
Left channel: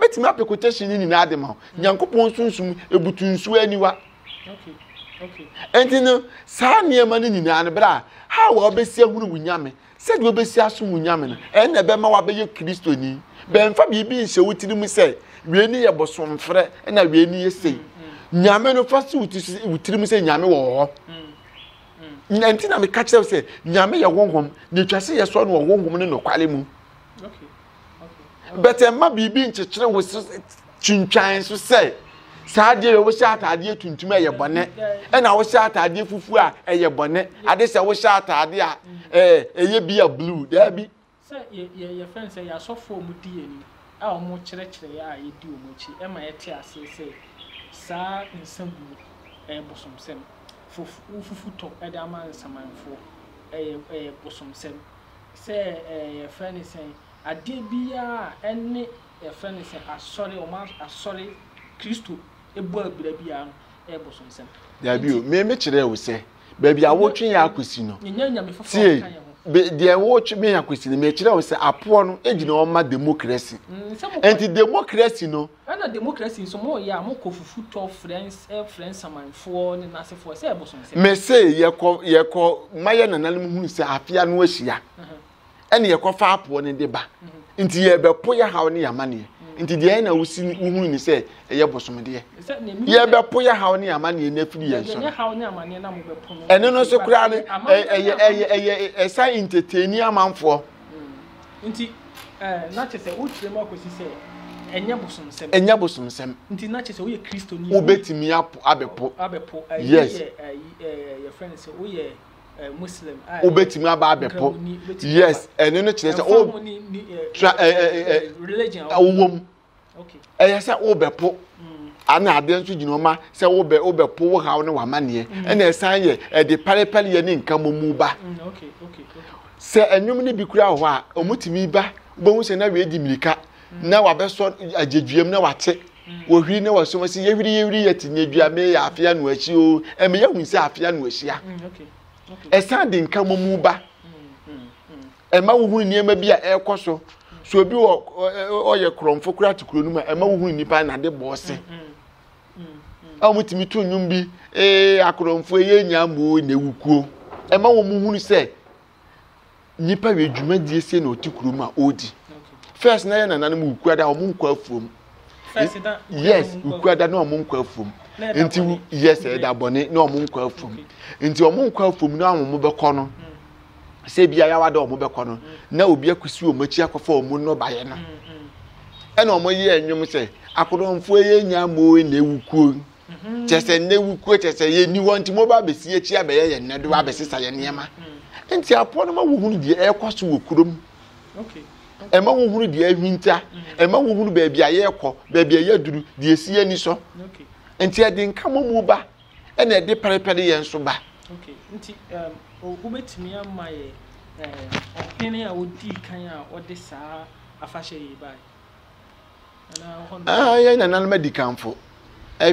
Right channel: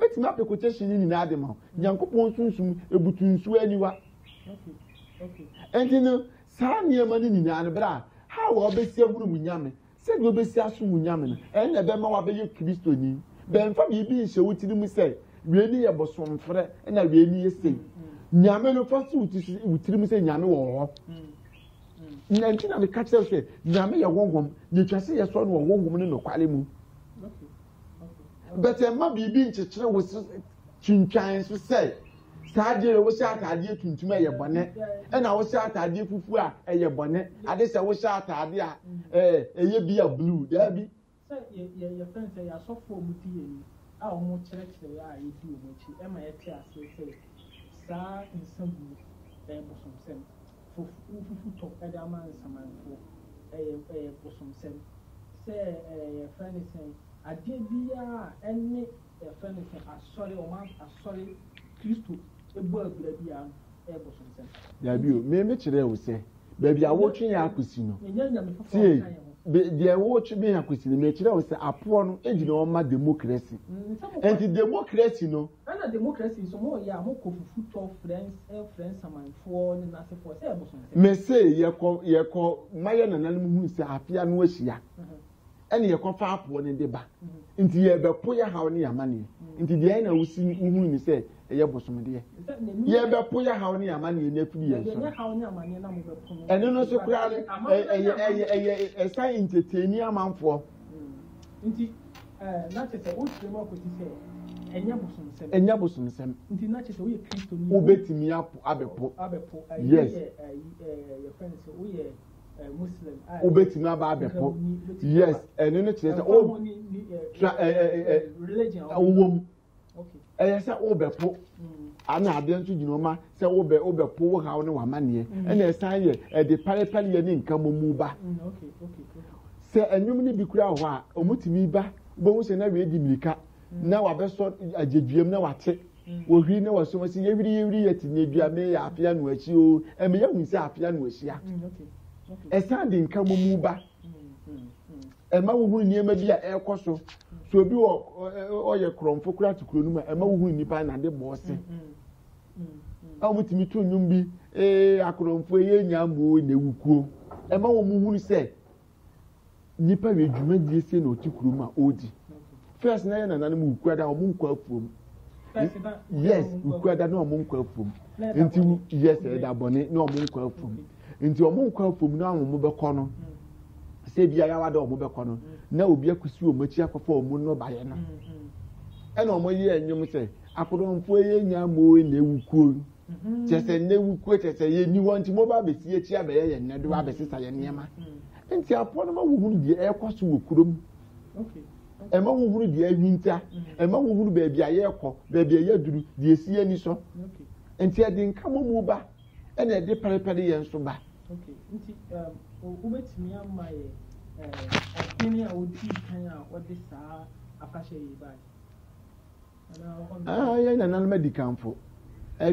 betimi apekutation ni na adema Nyankopon sunsum ebutunsu aniwa okay enti no saa niema ni nyina ne bra ha wo obesi ahunu wunyame se de obesi aso wunyame no ene be ma wa be ye Kristo ni be mfa bibi nse wutiri mu se we ni ye bosomfre na we ni ye sei nyame no fa se wutiri mu se nyame wo ho nti na me catch say nyame ye wonhom ne twase ye so no wonhom ne no kwale mu but emma bibi nchekere wo twintwan so say saade wo sha atade tuntum eye bone na wo sha atade fufu a eye bone ade se wo sha atade a eye bia blue there be say ye friend say ya so for mu die ni a o mu kire a ye di o mu chi e ma ye te ase say sa nsam bu bosomsem fufu to e da ma nsamanfo bosomsem say ye friend say ade bia ene ye friend say asori o ma asori Kristo ebu abira bia bosomsem there be o me kire wo say baby awotwe ya akosi no nyanya me fofo kan ye de watch me akosi me kire wo say apo no ejina o ma democracy enti democracy no na democracy so mo ya mo kofufu to friends samanfo ni nasefo say bosomsem me say ye ko maye nananum hu say afia no ahia ene ye ko fa apo ne de ba enti ye be po ya hawo ne yamane nti de na wusi uhunu ni say eye bosomde ye be po ya hawo ne yamane na firi ye so ye hawo ne yamane na mo be po no ene no so kura ne eye sa entertain amanfo nti na chese wo trema akosi say enya bosomsem nti na chese wo ye Kristo ni wo betimi abepo yes your friend say wo ye Muslim wo betimi abepo yes ene no chese o religion awom okay eye say wo bepo ana ade nso ginoma say wo bepo wo hawo ne wamane ene san ye de parepare ye ne nka momu ba okay say enwum ne bi kura ho a omutimi ba bo hu se na we di mirika na wabeso ajeduam na wate wo hwi na waso si ye hwiri ye tinyedua me ya afia no achi o eme ye hu se afia no ahia okay esan de nka momu ba ema wo hu niema bi a ekoso so obi o ye kromfo kura tikuro nu ma ema wo hu nipa na de bose amutimi to nwum bi akromfo ye nyambo na ewukuo ema wo mu hu se nipa we dwuma die se na otikuro ma odi first na ye nananum ukuada o mu nkwa afuom yes ukuada na o mu nkwa afuom nti yes e da bone na o mu nkwa afuom nti o mu nkwa afuom na o mu bekọ no se bia ya wada o mu bekọ no na obi akusi o machi akọfa o mu no baye no e na o mo ye enwum se akodomfo ye nyamo na ewukuo chese na ewukuo chese ye ni won ti mo ba besi echi abaye ye ne do ba besisa ye niema nti apo no ma wo hunu die ekoso wo kurom okay ema wo hunu die ahwinta ema wo hunu ba bia ye ekọ ba bia ye duru die sie ani so okay nti ade nka momu ba e na ede parepare ye nso ba okay nti wo betimi ama ye opinion a wodi kan a wode saa afahye yi ba ana ye na nan medicanfo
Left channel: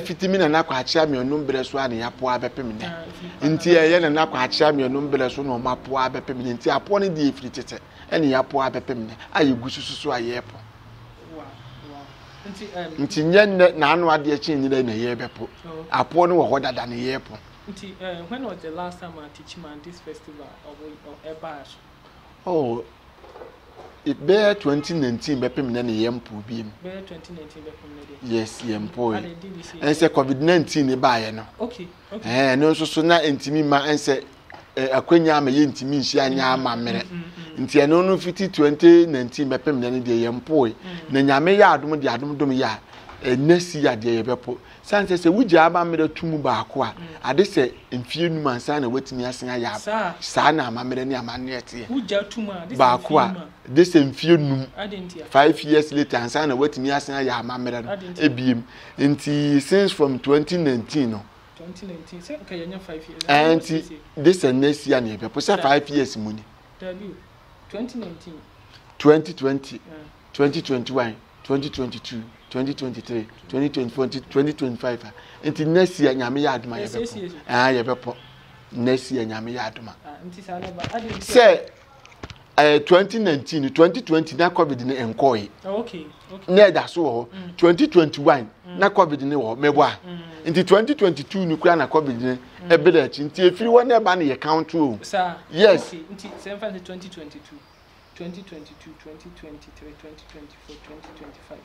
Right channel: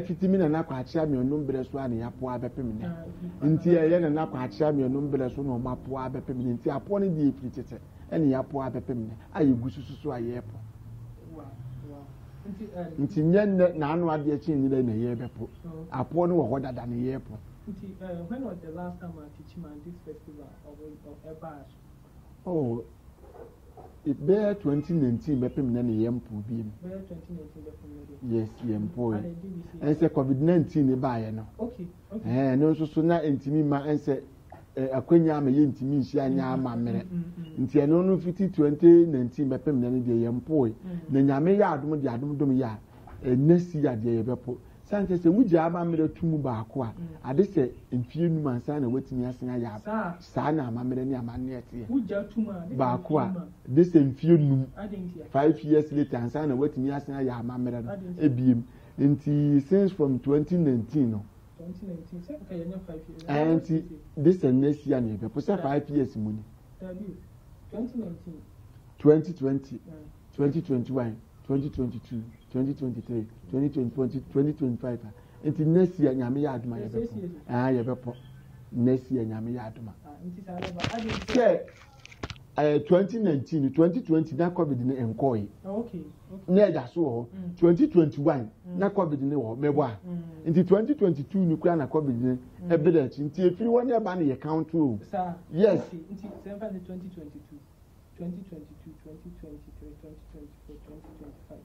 fitimi na nakwa achia me onum bere so ana yapo abepem ne nti ye na nakwa achia me onum bere so no mapo abepem ne nti apo ne die firi tete ene yapo abepem ne aye gusususu ayepo nti nyen na anu ade chi nyire na ye bepo apo ne wo hodada ne yepo nti when was the last time I teach man this festival of Ebash? Oh, it bear 2019 bepem na ne yempo biem. Bear 2019 bepem na dey. Yes, yempo. And say COVID-19 e ba ye no. Okay. No so na entimi ma ense akwanya ama ye ntimi nhia anya ama mere. Nti eno no fiti 2019 bepem na ne dey yempo. Na nyame ya adom de adom dom ya enasi ya de ye bepo. sanse se wugya amamere tumu baako a ade se mfie num ansa na watimi asen aya saa na amamere ne amane ete wugya tumu a baako a de se mfie num 5 years later ansa na watimi asen aya amamere no ebiem nti since from 2019 no 2019 say ka yanya 5 years and this next year na be posa 5 years mu ni 2019 2020 2021 2022 2023 2024 2025 until next year nyame ya aduma ye bepo next year nyame ya aduma say 2019 2020 na covid ni enkoi okay na da so ho 2021 na covid ni ho mebo a until 2022 ni kura na covid ni ebele chi nti efiri wona eba na ye count o yes until 2022 2022 2023 2024 2025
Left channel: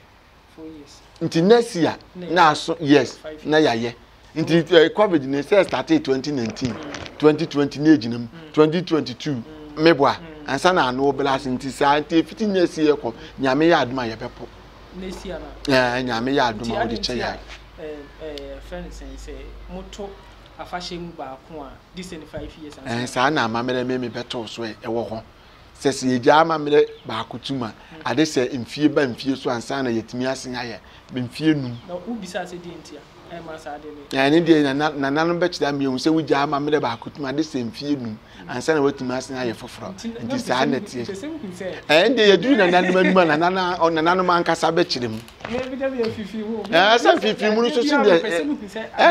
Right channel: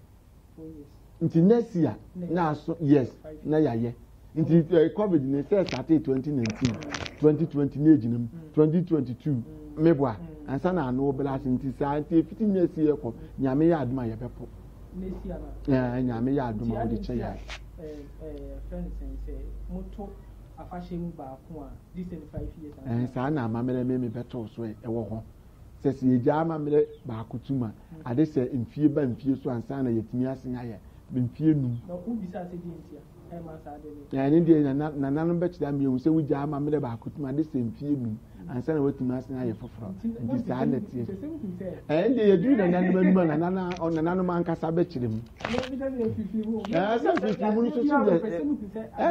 4 years until next year na so yes na yaye until covid ni say started 2019 2020 na ejinam 2022 mebo a ansa na no blast nti sa nti 15 years ye ko nyame ya aduma ye bepo next year na nyame ya aduma wo de che ya friend say moto afahye mu ba ko a this 5 years ansa sa na amamere me beto so e wo ho sese ye ja amamere ba akutuma ade se mfie ba mfie so ansa na yetimi asen aye mfie num na ubisa se di ntia e ma sa ade me ya ni de na nanu be kida me hu se wuja amamere ba akutuma ade se mfie num ansa na watimi asen aye foforo nti sa na tie ende ye du na nanu manuma na nanu man kasa be kirem sa fifi mu so so de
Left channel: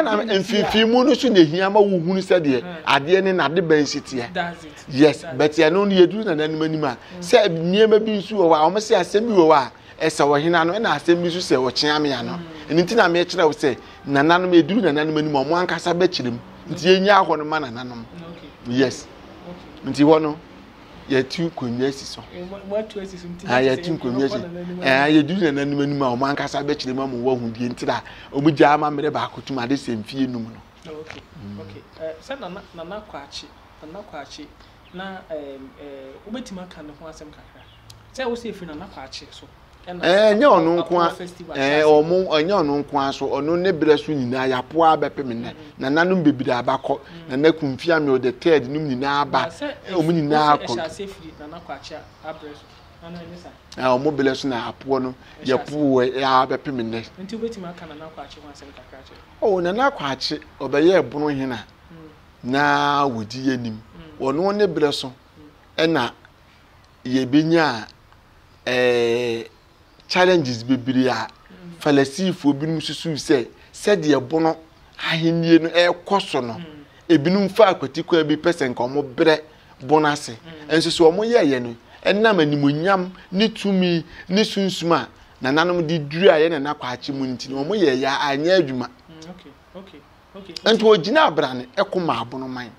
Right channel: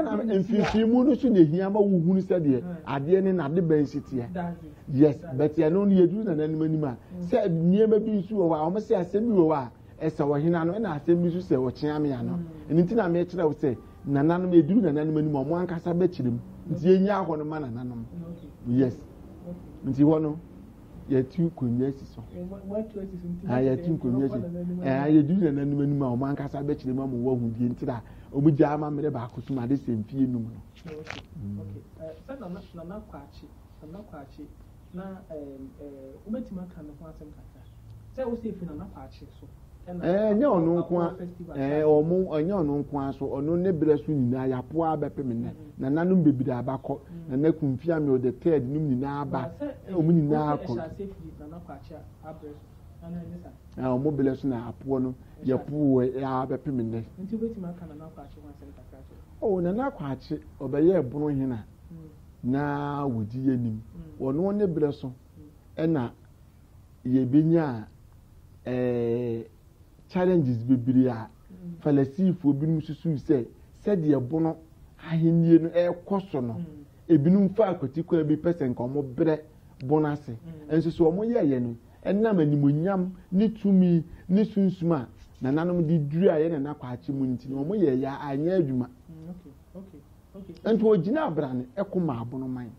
na fifi mu so ne hia ma wo hunu se de ade ne na de ban sitie yes but ya no ye du na nanu manuma se niema bi nsu wo wa o me se asem bi wo wa esa wo hina no na asem bi so se wo kyen ame ya no nti na me kire wo se na nanu me du na nanu manuma mo an kasa be kirem nti enya ho no ma na nanu yes nti wono ye tu konwa siso ya tu konwa si ye du na nanu manuma o man kasa be kirem am wo hu die ntira o mu gya ama mere ba akotuma de se mfie num no okay say na kwachi na ubetima kan ho asem kakra say wo se fi na kwachi so nya onu nko omo nya onu nko so onu ne bere so nyina ya po abepem ne na nanu bebiri abakọ na na kumfia me o the third num nyina aba omu nyina akọ na kwachi abreso ana ne sa omo bele so na apo no ya po ya abepem ne nti ubetima kan na kwachi ho asem kakra na kwachi obeye ebono hina na wodi yanim wono ne bere so na ye benya challenges bibiri a falasifo binum susu se de ebono ahenie no ekoso no ebinum fa akwatiko bi person ko mo bre bonase enso so mo ye no enam animonyam ni tumi ni sunsuma na nanom di duru aye na nakwachi mu nti no mo ye ya anya adwuma okay ento ogina abrane ekoma abono man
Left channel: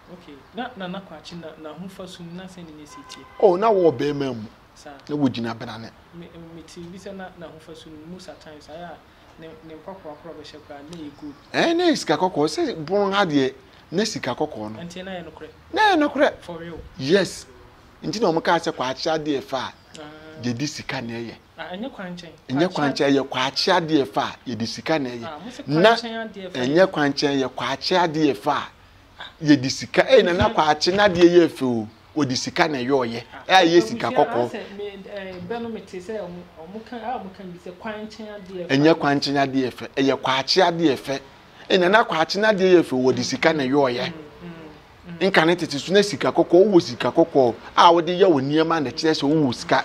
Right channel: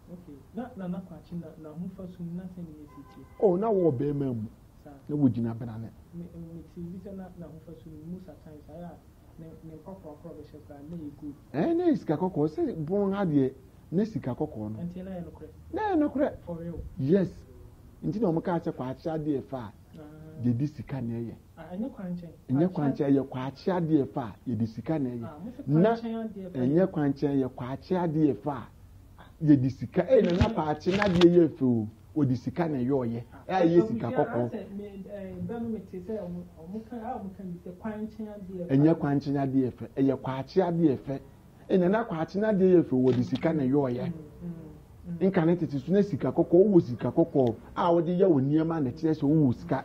na nakwachi na hufa sun na sene ne sitie na wo be mamu na wogina abrane me TV se na hufa sun musa times aya ne kokko akro be shekwa na ye good na iska kokko se bon ha de na sika kokko no enti na ye nokre for real yes enti na omka ase kwa acha de fa de di sika na ye enye kwanchen ye kwa acha de fa ye di sika na ye na enye kwanchen ye kwa acha de fa ye di sika na kwa acha na de ye fe o di sika na ye oye ye sika kokko enye kwanchen ade efe ye kwachi ade efe na kwachi na ade efe wo di sika na yo ye nka ne tete so na sika kokko wo sika kokko a wo de ye wo niema na kire so wo sika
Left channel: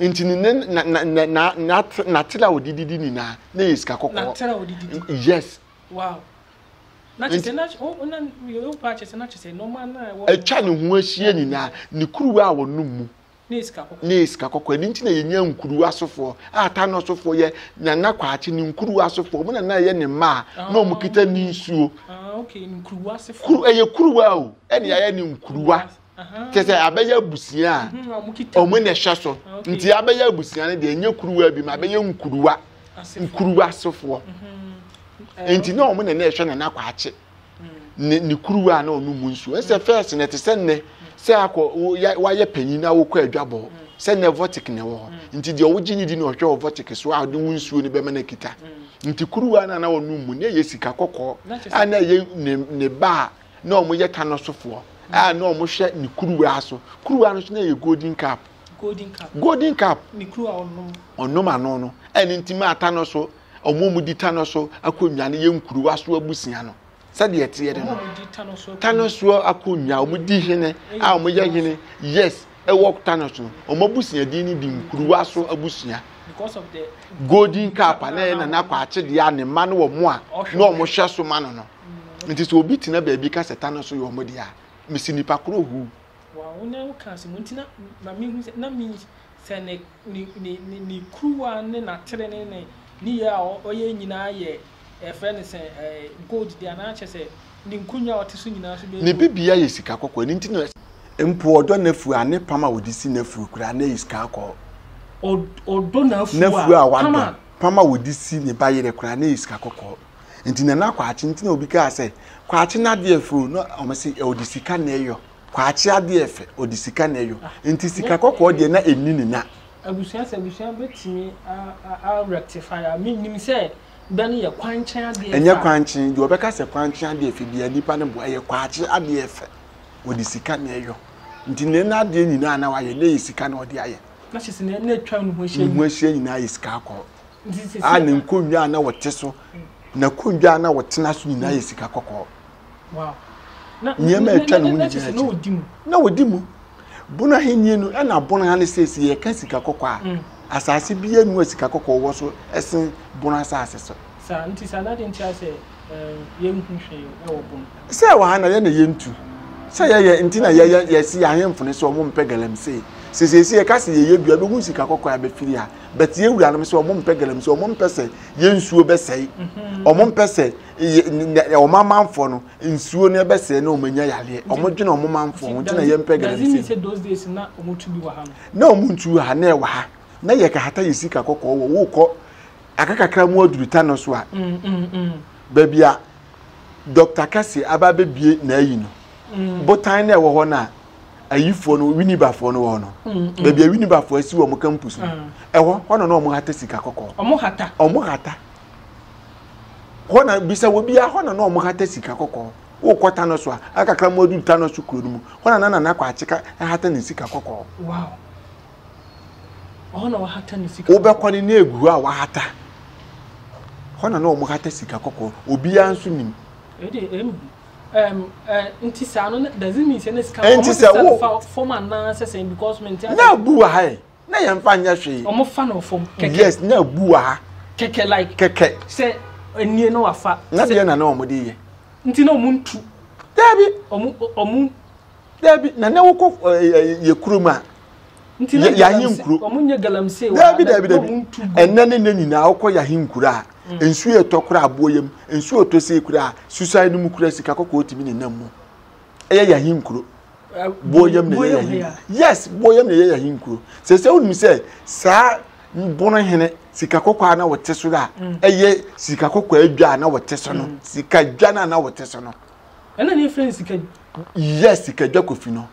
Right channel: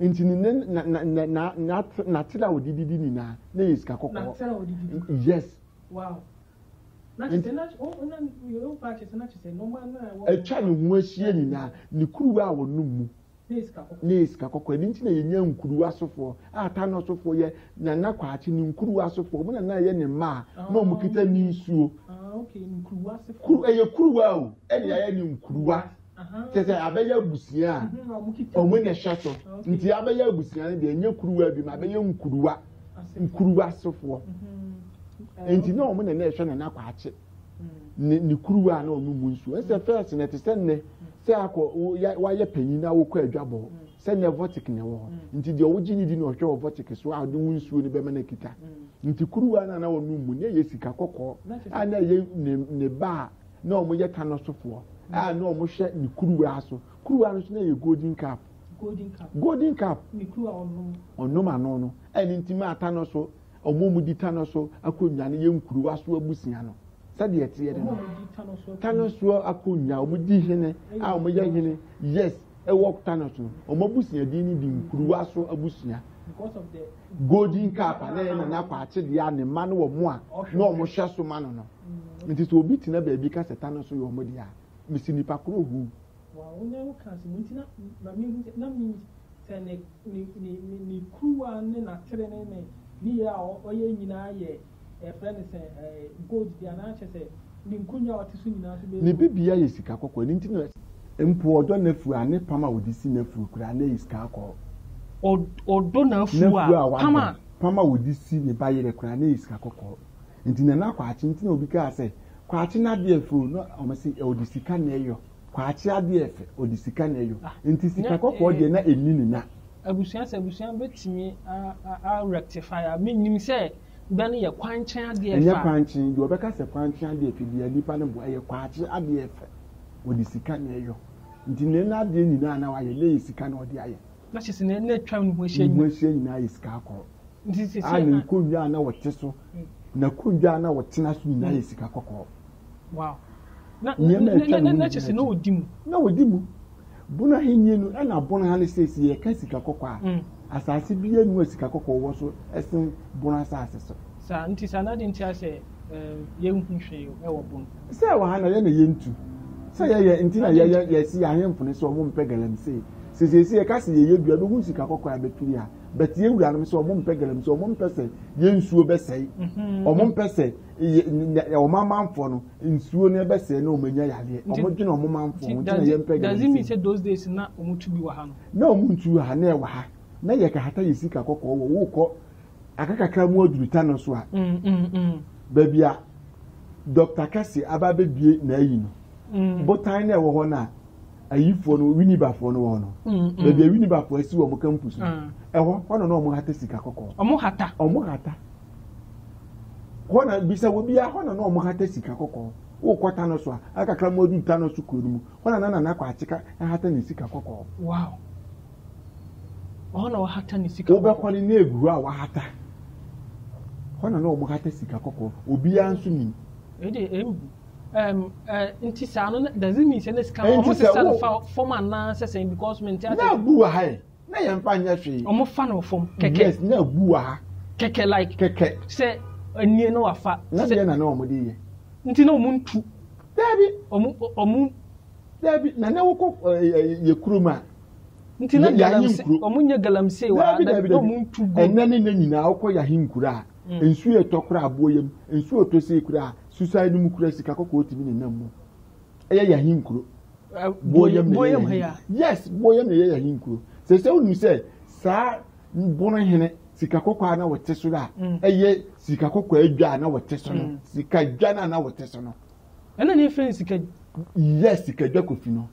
ntini na tela wo didi ni na sika kokko na tela wo didi yes wow na tete na ona yo pa chese na chese no man na wo echa ne ho ahie ni na ne kuruwa a wo num Niska kokko ni nti na yenya nkuru asofo ata no sofo ye na kwachi ni nkuru asofo mo na ye ne ma na o mukita ni nsuo okay nkuru asofo kuruwa o ye ni nkuruwa tese abeya busia o mo na hwaso nti abeya busia ne de enya kuruwa bi ma abeya nkuruwa asofo nti na o mo na hwa na kwachi ni kuruwa na o nu nsuo ese first na tese ne se akọ wa ye panyin na wo kọ adwabo se ne votic ne wo nti de owo gini di no hwe votic so a de wunsuo ne be ma na kita nti kuruwa na wonu mu ne ye sika kokko ana ye ne ba na omo ye tanosofo na omo hwe ne kuruwa so na so na ye golden cap ni kuruwa onnom ano no ene ntima atano so omo mu di tano so akonwa ne ye nkuruwa so abusia no sade ete ye de no tano so akonwa omo di hene a omo ye hene yes e work tano so omo abusia di ni di nkuruwa so abusia because of the golden cap na kwa ache dia ne ma no wo mo a na omo hwe so ma no no nti so obi tina ba bi ka setano so yo mo dia mesi nipa kro hu wa wonya ka se muntina na mi hu na mi se ni kruwa ne na tere ne ni ya oye nyina ye e friend se gold dia na ache se ni nkunya otisu nyina so be ni bibia ye sika kokko ni ntina mpo odo na fu ane pama wodisi na fu kura na iska akọ odo na fu a pama wodisi ne bayere kura na iska kokko ntina na kwa achi ntina obi ka se kwa achi na de fu no omasi odisi ka na eyo kwa achi ade efe odisi ka na eyo nti sika kokko de na enini na abusuan betimi a rectify a minim se bani ye kwanchan ade efe enye kwanchan de obeka se kwanchan ade efe bia nipa ne bo ye kwa achi ade efe odisi ka na eyo nti ne na de nyina na wa ye na yisika na odi aye na chese ne na twa no ho hye nyina yisika akọ a ne nkonwa na wote so na konwa na wotena so nyina yisika kokọ wow nyema twa no na chese na odimu bona henye no na bona ha ne sesi ye ka sika kokọ a asase bia nu sika kokọ wo so esen bona asase so sa nti sa na de nti ase ye nhunhwe e wo bon se wa ha na ye na ye ntu se ye nti na ye si ahemfo so mo mpe galamse sesesi ye kasi ye dua be hu sika kokọ ya be firi ha but ye wura no so mo mpe galamse mo mpe se ye nsuo be sei o mo mpe se o mamanfo no nsuo ne be sei na o manya yale o mo dwena o mamanfo ho nti na ye mpe galamse does it say those days na o mo tu bi wa ha na o mo ntu ha na e wa ha na ye ka hata ye sika kokọ wo ko akakakra mu aduruta no so a ba bia Dr. Kasi ababe bie na ayi no botan na e wo ho na ayifo no winibafo no wo no ba bia winibafo asi wo mo campus e ho no na o mo hata sika kokọ o mo hata ho na bisa wo bia ho na o mo hata sika kokọ wo kwata no so a akakra mu aduruta no so kuro mu ho na kwa achika hata ni sika kokọ wow ona wa hata ni sika wo be kwani na egu a wa hata ho na o mo hata sika kokọ obi anso nim nti sa no doesn't mean say sika o mo form na say because maintain na bu ha na ye mfa nya hwe o mo fa no form keke yes na bu ha keke like keke say enie no afa na de na o mo de ye nti na o mo ntu dabi o mo dabi na wo ko ye kuruma nti na ya hinkuru o mo nya galamse wa o mo ntu enna ne nyina wo ko ya hinkura ensu ye tokura aboyem ensu otose kura suicide mu kura sika kokko otimi ne nam mu eye ya hinkuro boyem ne yes boyem ne ya hinkuro se wonu se sa bono hene sika kokko na wote so da eye sika kokko adwa na wote so no sika dwa na wote so no ena ne friend sika yes sika dwa kofi no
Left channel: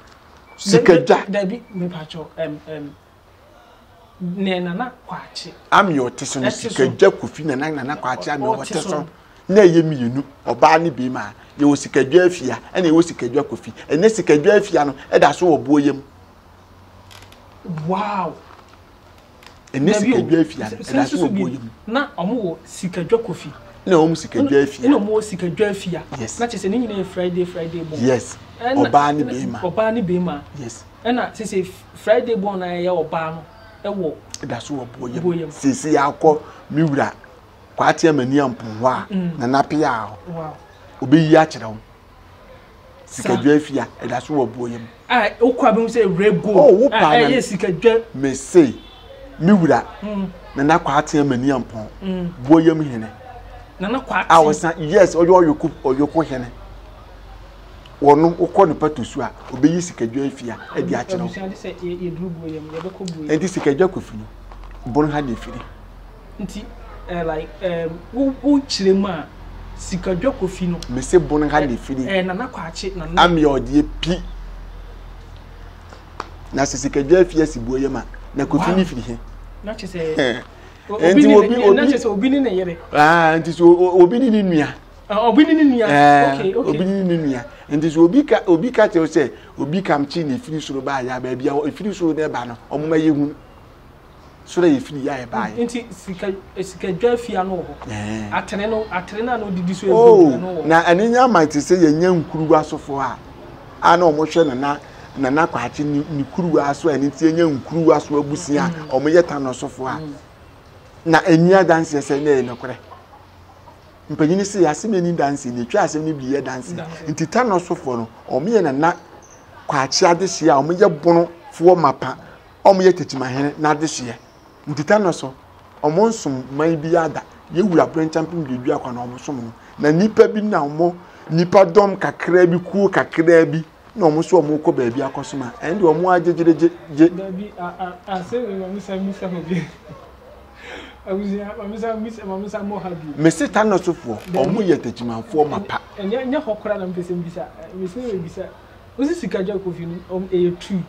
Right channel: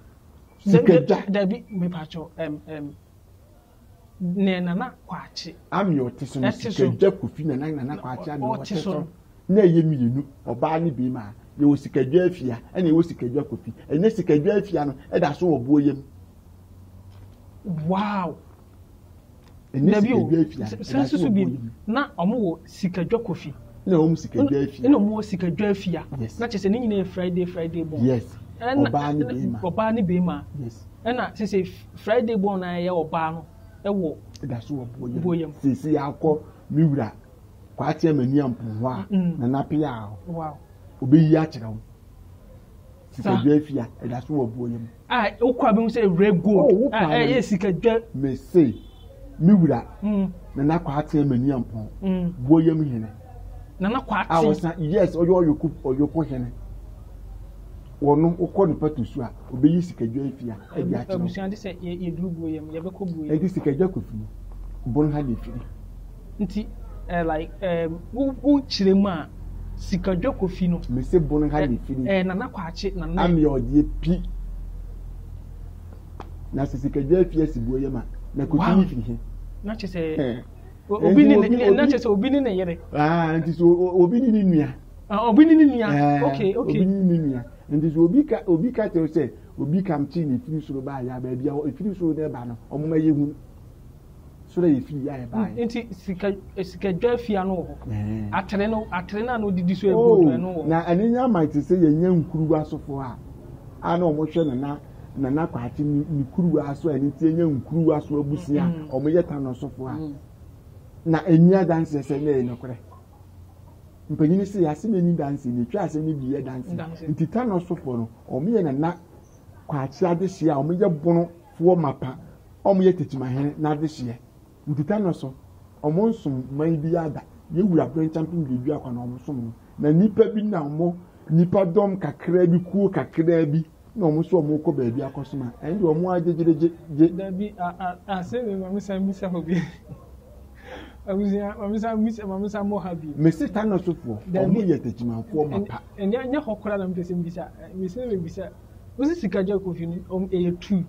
sika dwa dabi me pacho ne nana kwachi am yo teso no sika dwa kofi na nana kwachi am yo teso na ye mienu oba ne bi ma ye wo sika dwa afia ena ye wo sika dwa kofi ene sika dwa afia no e da so obo yem wow ene sika dwa afia e da so obo yem na omo wo sika dwa kofi na omo sika dwa afia ene omo wo sika dwa afia na chese ne nyina Friday bon yes oba ne bi ma yes ena sese Friday bon na ye oba no ewo da so obo yem sisi yakọ miwura kwati amani ampo a na napia a wow obeyi a kire wo sikadwa afia da so obo yem okwa be say rego yes sikadwa me say miwura na kwati amani ampo bo yem hene na kwati awasa yes oyoku hene wono ukọ ne patosu a obeyi sikadwa afia di a kire wo abusuan de say ye duru bo yem ye be ko bo yem enti sikadwa kofi no bon ha de firi nti like wo chire mu a sikadwa kofi no me se bon ha de firi na kwachi na am ye odi pi na sikadwa afia si bo yem a na kofi ni firi he na che say obi ni ne yere nti so obi ni nua obi ni nua okay obi ni nua nti so obi ka te say obi kam chi ne firi soro ba ya ba bia firi soro na ba no omuma yehu soro ye firi ya e ba nti sika dwa fia no ho atere na no didi so ebu no na anenya might say ye nya nkuru asofo a na omo hwe na kwachi ni kuru aso ani tie nya nkuru aso abusia omo yeta no sofo a na enya dance say na e nokore mpanyini si asemeni dance ni twa asem ni biye dance ntita no sofo no omo ye na kwachi adehye a omo ye bono fo mapa omo ye tetimahene na adehye ntita no so omo nsum man bi ada ye wura brand champion bi akwa na omo som no na nipa bi na omo nipa dom kakra bi ku kakra bi na omo so omo ko ba bi akosoma ende omo ajejereje da bi say we misa hobi Mamisa mo habi. Mesi tano sofo, omo ye techimanfo mapa. Enya hokora na mpese mbisa. Mesi we bisa. Osi sikaja kofi no e2.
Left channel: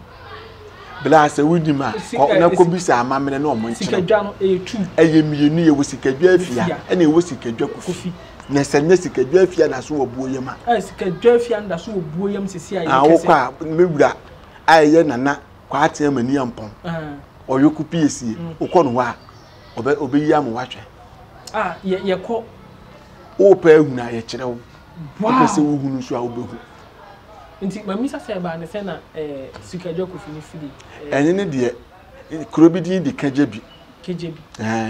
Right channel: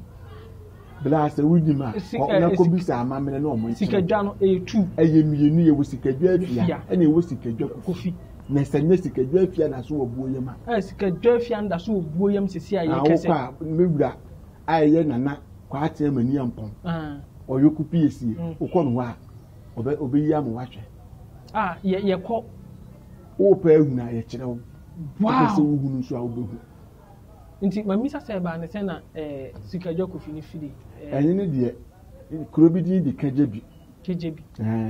Bla se wudima, na ko bisa amamene na omo nchi. Sikadwa no e2. Eye mienu ye wo sikadwa afia, e na e wo sikadwa kofi. Na senye sikadwa afia na so obuoyem a. Sikadwa afia nda so obuoyem sisi aye kese. Kwa mewura aye nana kwa atia mani ampon. Oyoku piesie, ukono wa obe ya mo watwe ye ko o pa ehuna ye kire wo pese wo hunu so a obehu nti mamisa se ba ne se na sikadwa kofi ni fidi enye ne de kurobidi di kajebi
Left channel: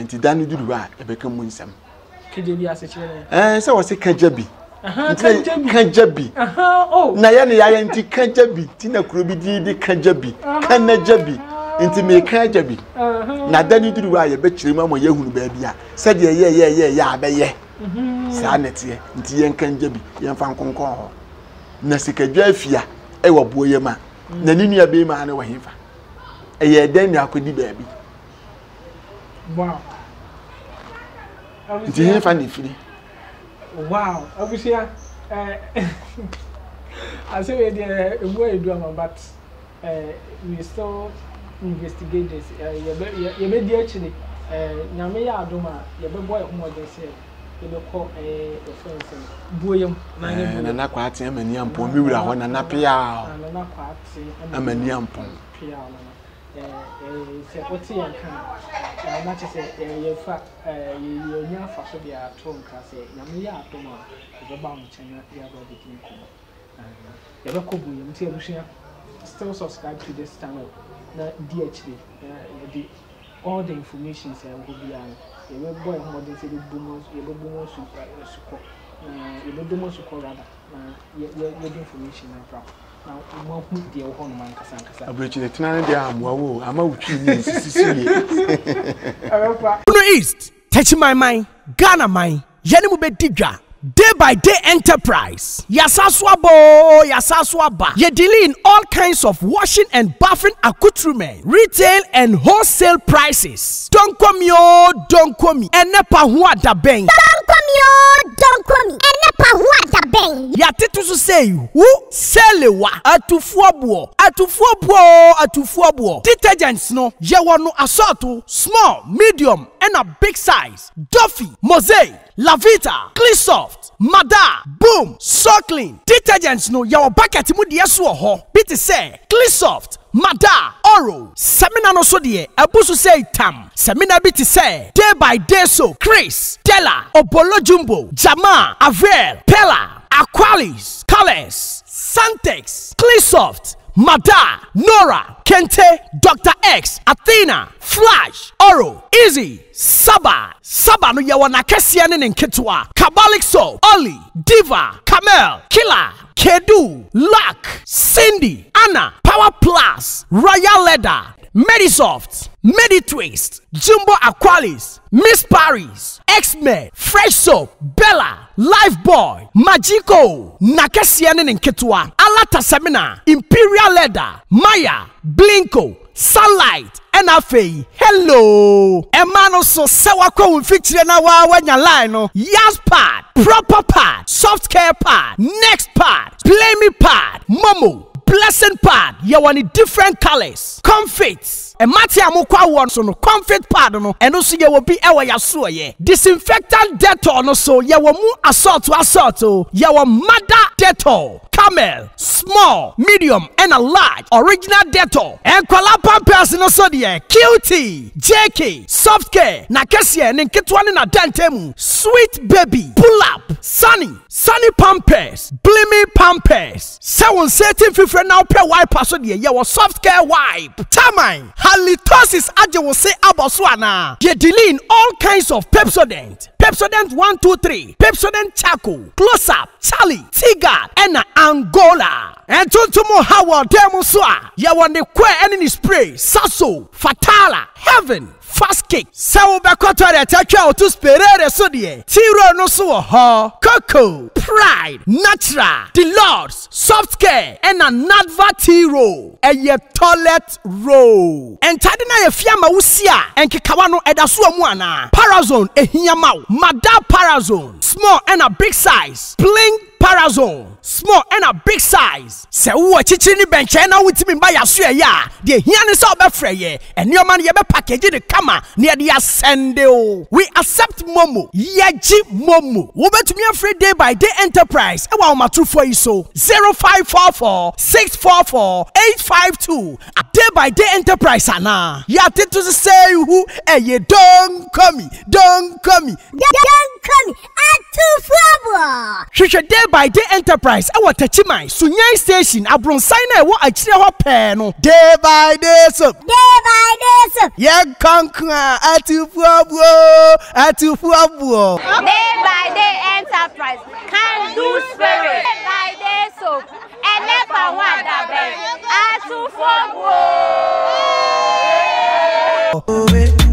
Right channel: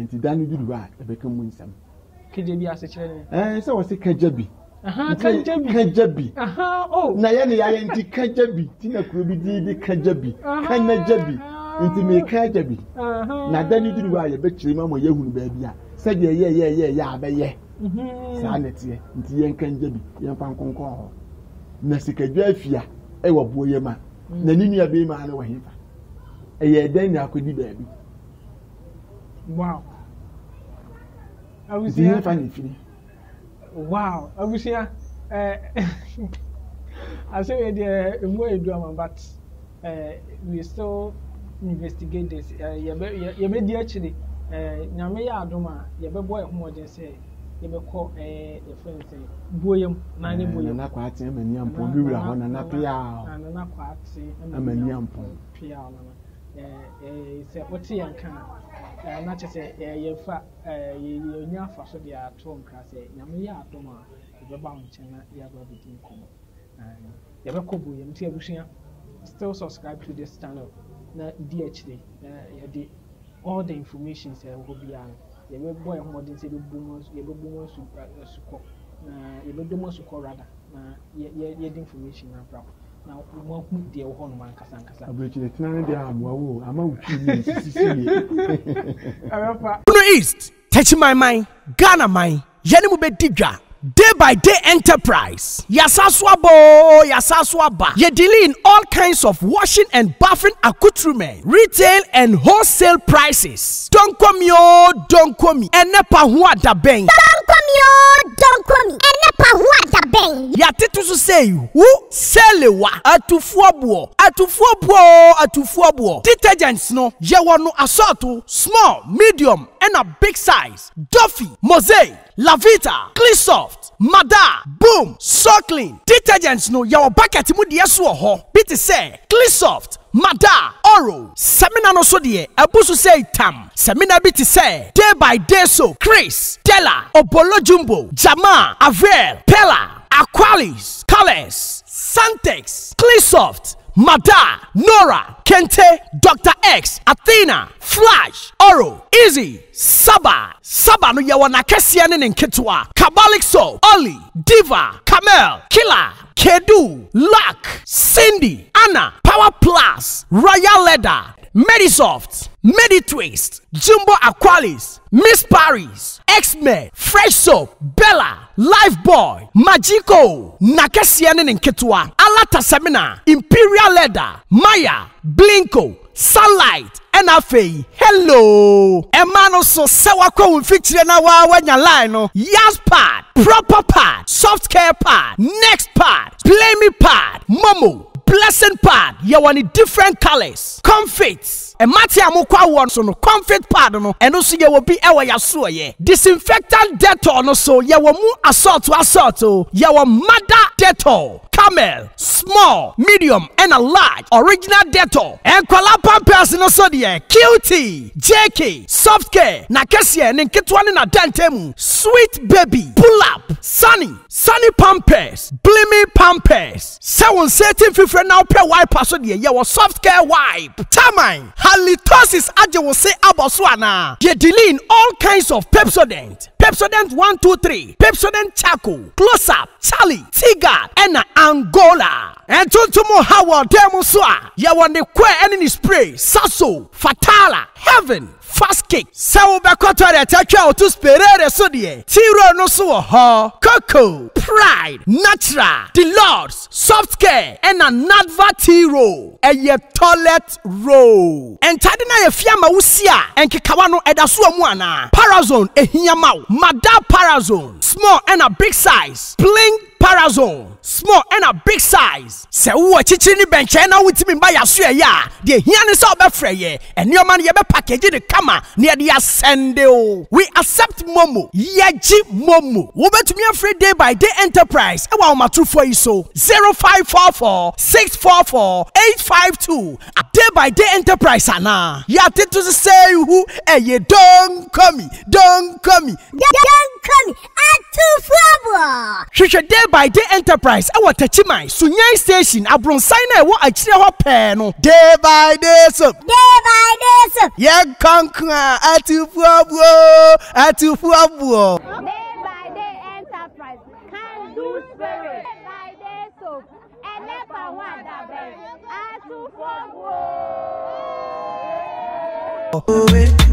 nti danu duru ba ebeka mu nsam kajebi ase kire ne se wo se kajebi kajebi oh na ye ne ya nti kajebi ti na kurobidi di kajebi kanajebi nti me kajebi na dani duru wa ye be kirema mo ye hunu ba bia se de ye ya abeye sa netie nti ye kanjebi ye mfa nkonkon ho na sikadwa afia e wo boye ma na ni nua be ma na wo himfa e ye den ni akodi ba bi wow nti himfa ni firi wow abusia I say we dey emu edu am but we still investigate this ye be di actually nyame ya adoma ye be boy ho de say ye be call offense boyem na ne boyem na kwa ate amani ampon mi wura ho na pia na kwa ate amani ampon pia na se oti yanka na che se ye fa ye nya fa so dia to nka se nyame ya adoma ye be ba mo chenya ya ba de tin ko ye be ko boyem ti abusia still subscribe to this channel na DHD all the information say go be an you will boy modern say the boomers you will boomers support you will boomers support rather you information now mo hu de ho no man kasa abrechi de tinane de amwa ama wutwi ni sisi Uno East touch my mind Ghana mind yene mu be digwa Day by day enterprise. Yasaswabo, Yasaswaba. Ye deal in all kinds of washing and bathing accoutrement, retail and wholesale prices. Don't come yo, don't come me. Enepa huwa da beng. Don't come yo, don't come me. Enepa huwa da beng. Yatitu su say who selewa atufuabuo. Detergents no ye wano assorto small, medium and a big size. Duffy, Mosaic, Lavita, Cleansoft, Mada, Boom, So Clean. Detergents no yawa bucket mu de so ho. Bit say Cleansoft, Mada, Oro. Semina no so de abusu say tam. Semina bit say Day by Day so Chris, Della, Obolo Jumbo, Jama, Avel, Pella, Aqualis, Colors, Santex, Cleansoft, Mada, Nora, Kente, Dr. X, Athena, Flash, Oro, Easy, Saba no yawana kesiane nketwa, Kabalik Soap, Oli, Diva, Camel, Killer, Kedu, Luck, Cindy, Anna, Power Plus, Royal Leather, Medisoft, Meditwist, Jumbo Aqualis, Miss Paris, X-Men, Fresh Soap, Bella, Lifeboy, Magico, Nakesiane Nketwa, Alata Semina, Imperial Leather, Maya, Blinko, Sunlight, NFA, hello. Emano so sewako feature na wanya line no. Yas pad, proper pad, soft care pad, next pad, play me pad, Momo, blessing pad yɛwɔ ne different colors comfits ɛmate a mokɔ awɔ so no comfit pad no ɛno so yɛwɔ bi ɛwɔ yasoɔyɛ disinfectant Dettol no so yɛwɔ mu assault yɛwɔ mother Dettol camel small medium and a large original Dettol ɛnkwala pampers no so deɛ QT JK soft care na kɛseɛ ne nketewa ne na dantemu sweet baby pull up sunny pampers blimy pampers sɛ wo nsetin fifrɛ na wopɛ wipe so deɛ yɛwɔ soft care wipe tamine halitosis agye wo se abɔ so anaa yɛdilin all kinds of Pepsodent 1 2 3 Pepsodent charcoal close up Charlie Tigard ɛna Angola ɛntontom Howard dɛm so a yɛwɔ ne kɔ ɛne ne spray Saso Fatala Heaven fast cake sɛ wobɛkɔ toilet atwa to sperere so deɛ Tiro no so wɔ hɔ Coco Pride Natural Deluxe Soft Care ɛna Nadva Tiro ɛyɛ toilet roll ɛntade na yɛ fiama wusi a ɛnkekawa no ɛda so mu ana Parazone ehia ma wo Mada Parazone small ɛna big size Blink Parazone small and a big size. Se wo chichiri ni benche na wutimi ba yaso ya de hia ne se obefre ye ene o man ye be package de kama ne de asende o. We accept Momo yeji Momo wo betumi afre day by day enterprise e wa matrufo yi so 0544 644 852 a day by day enterprise ana ya tetu say who ye don't come Atufo hwehwe day by day enterprise e what Tachimai Sunyai station abronsai na e wo akire ho pe no day by day so ye kankra atufuabuo day by day enterprise can do spirit day by day so enepa wada be atufuabuo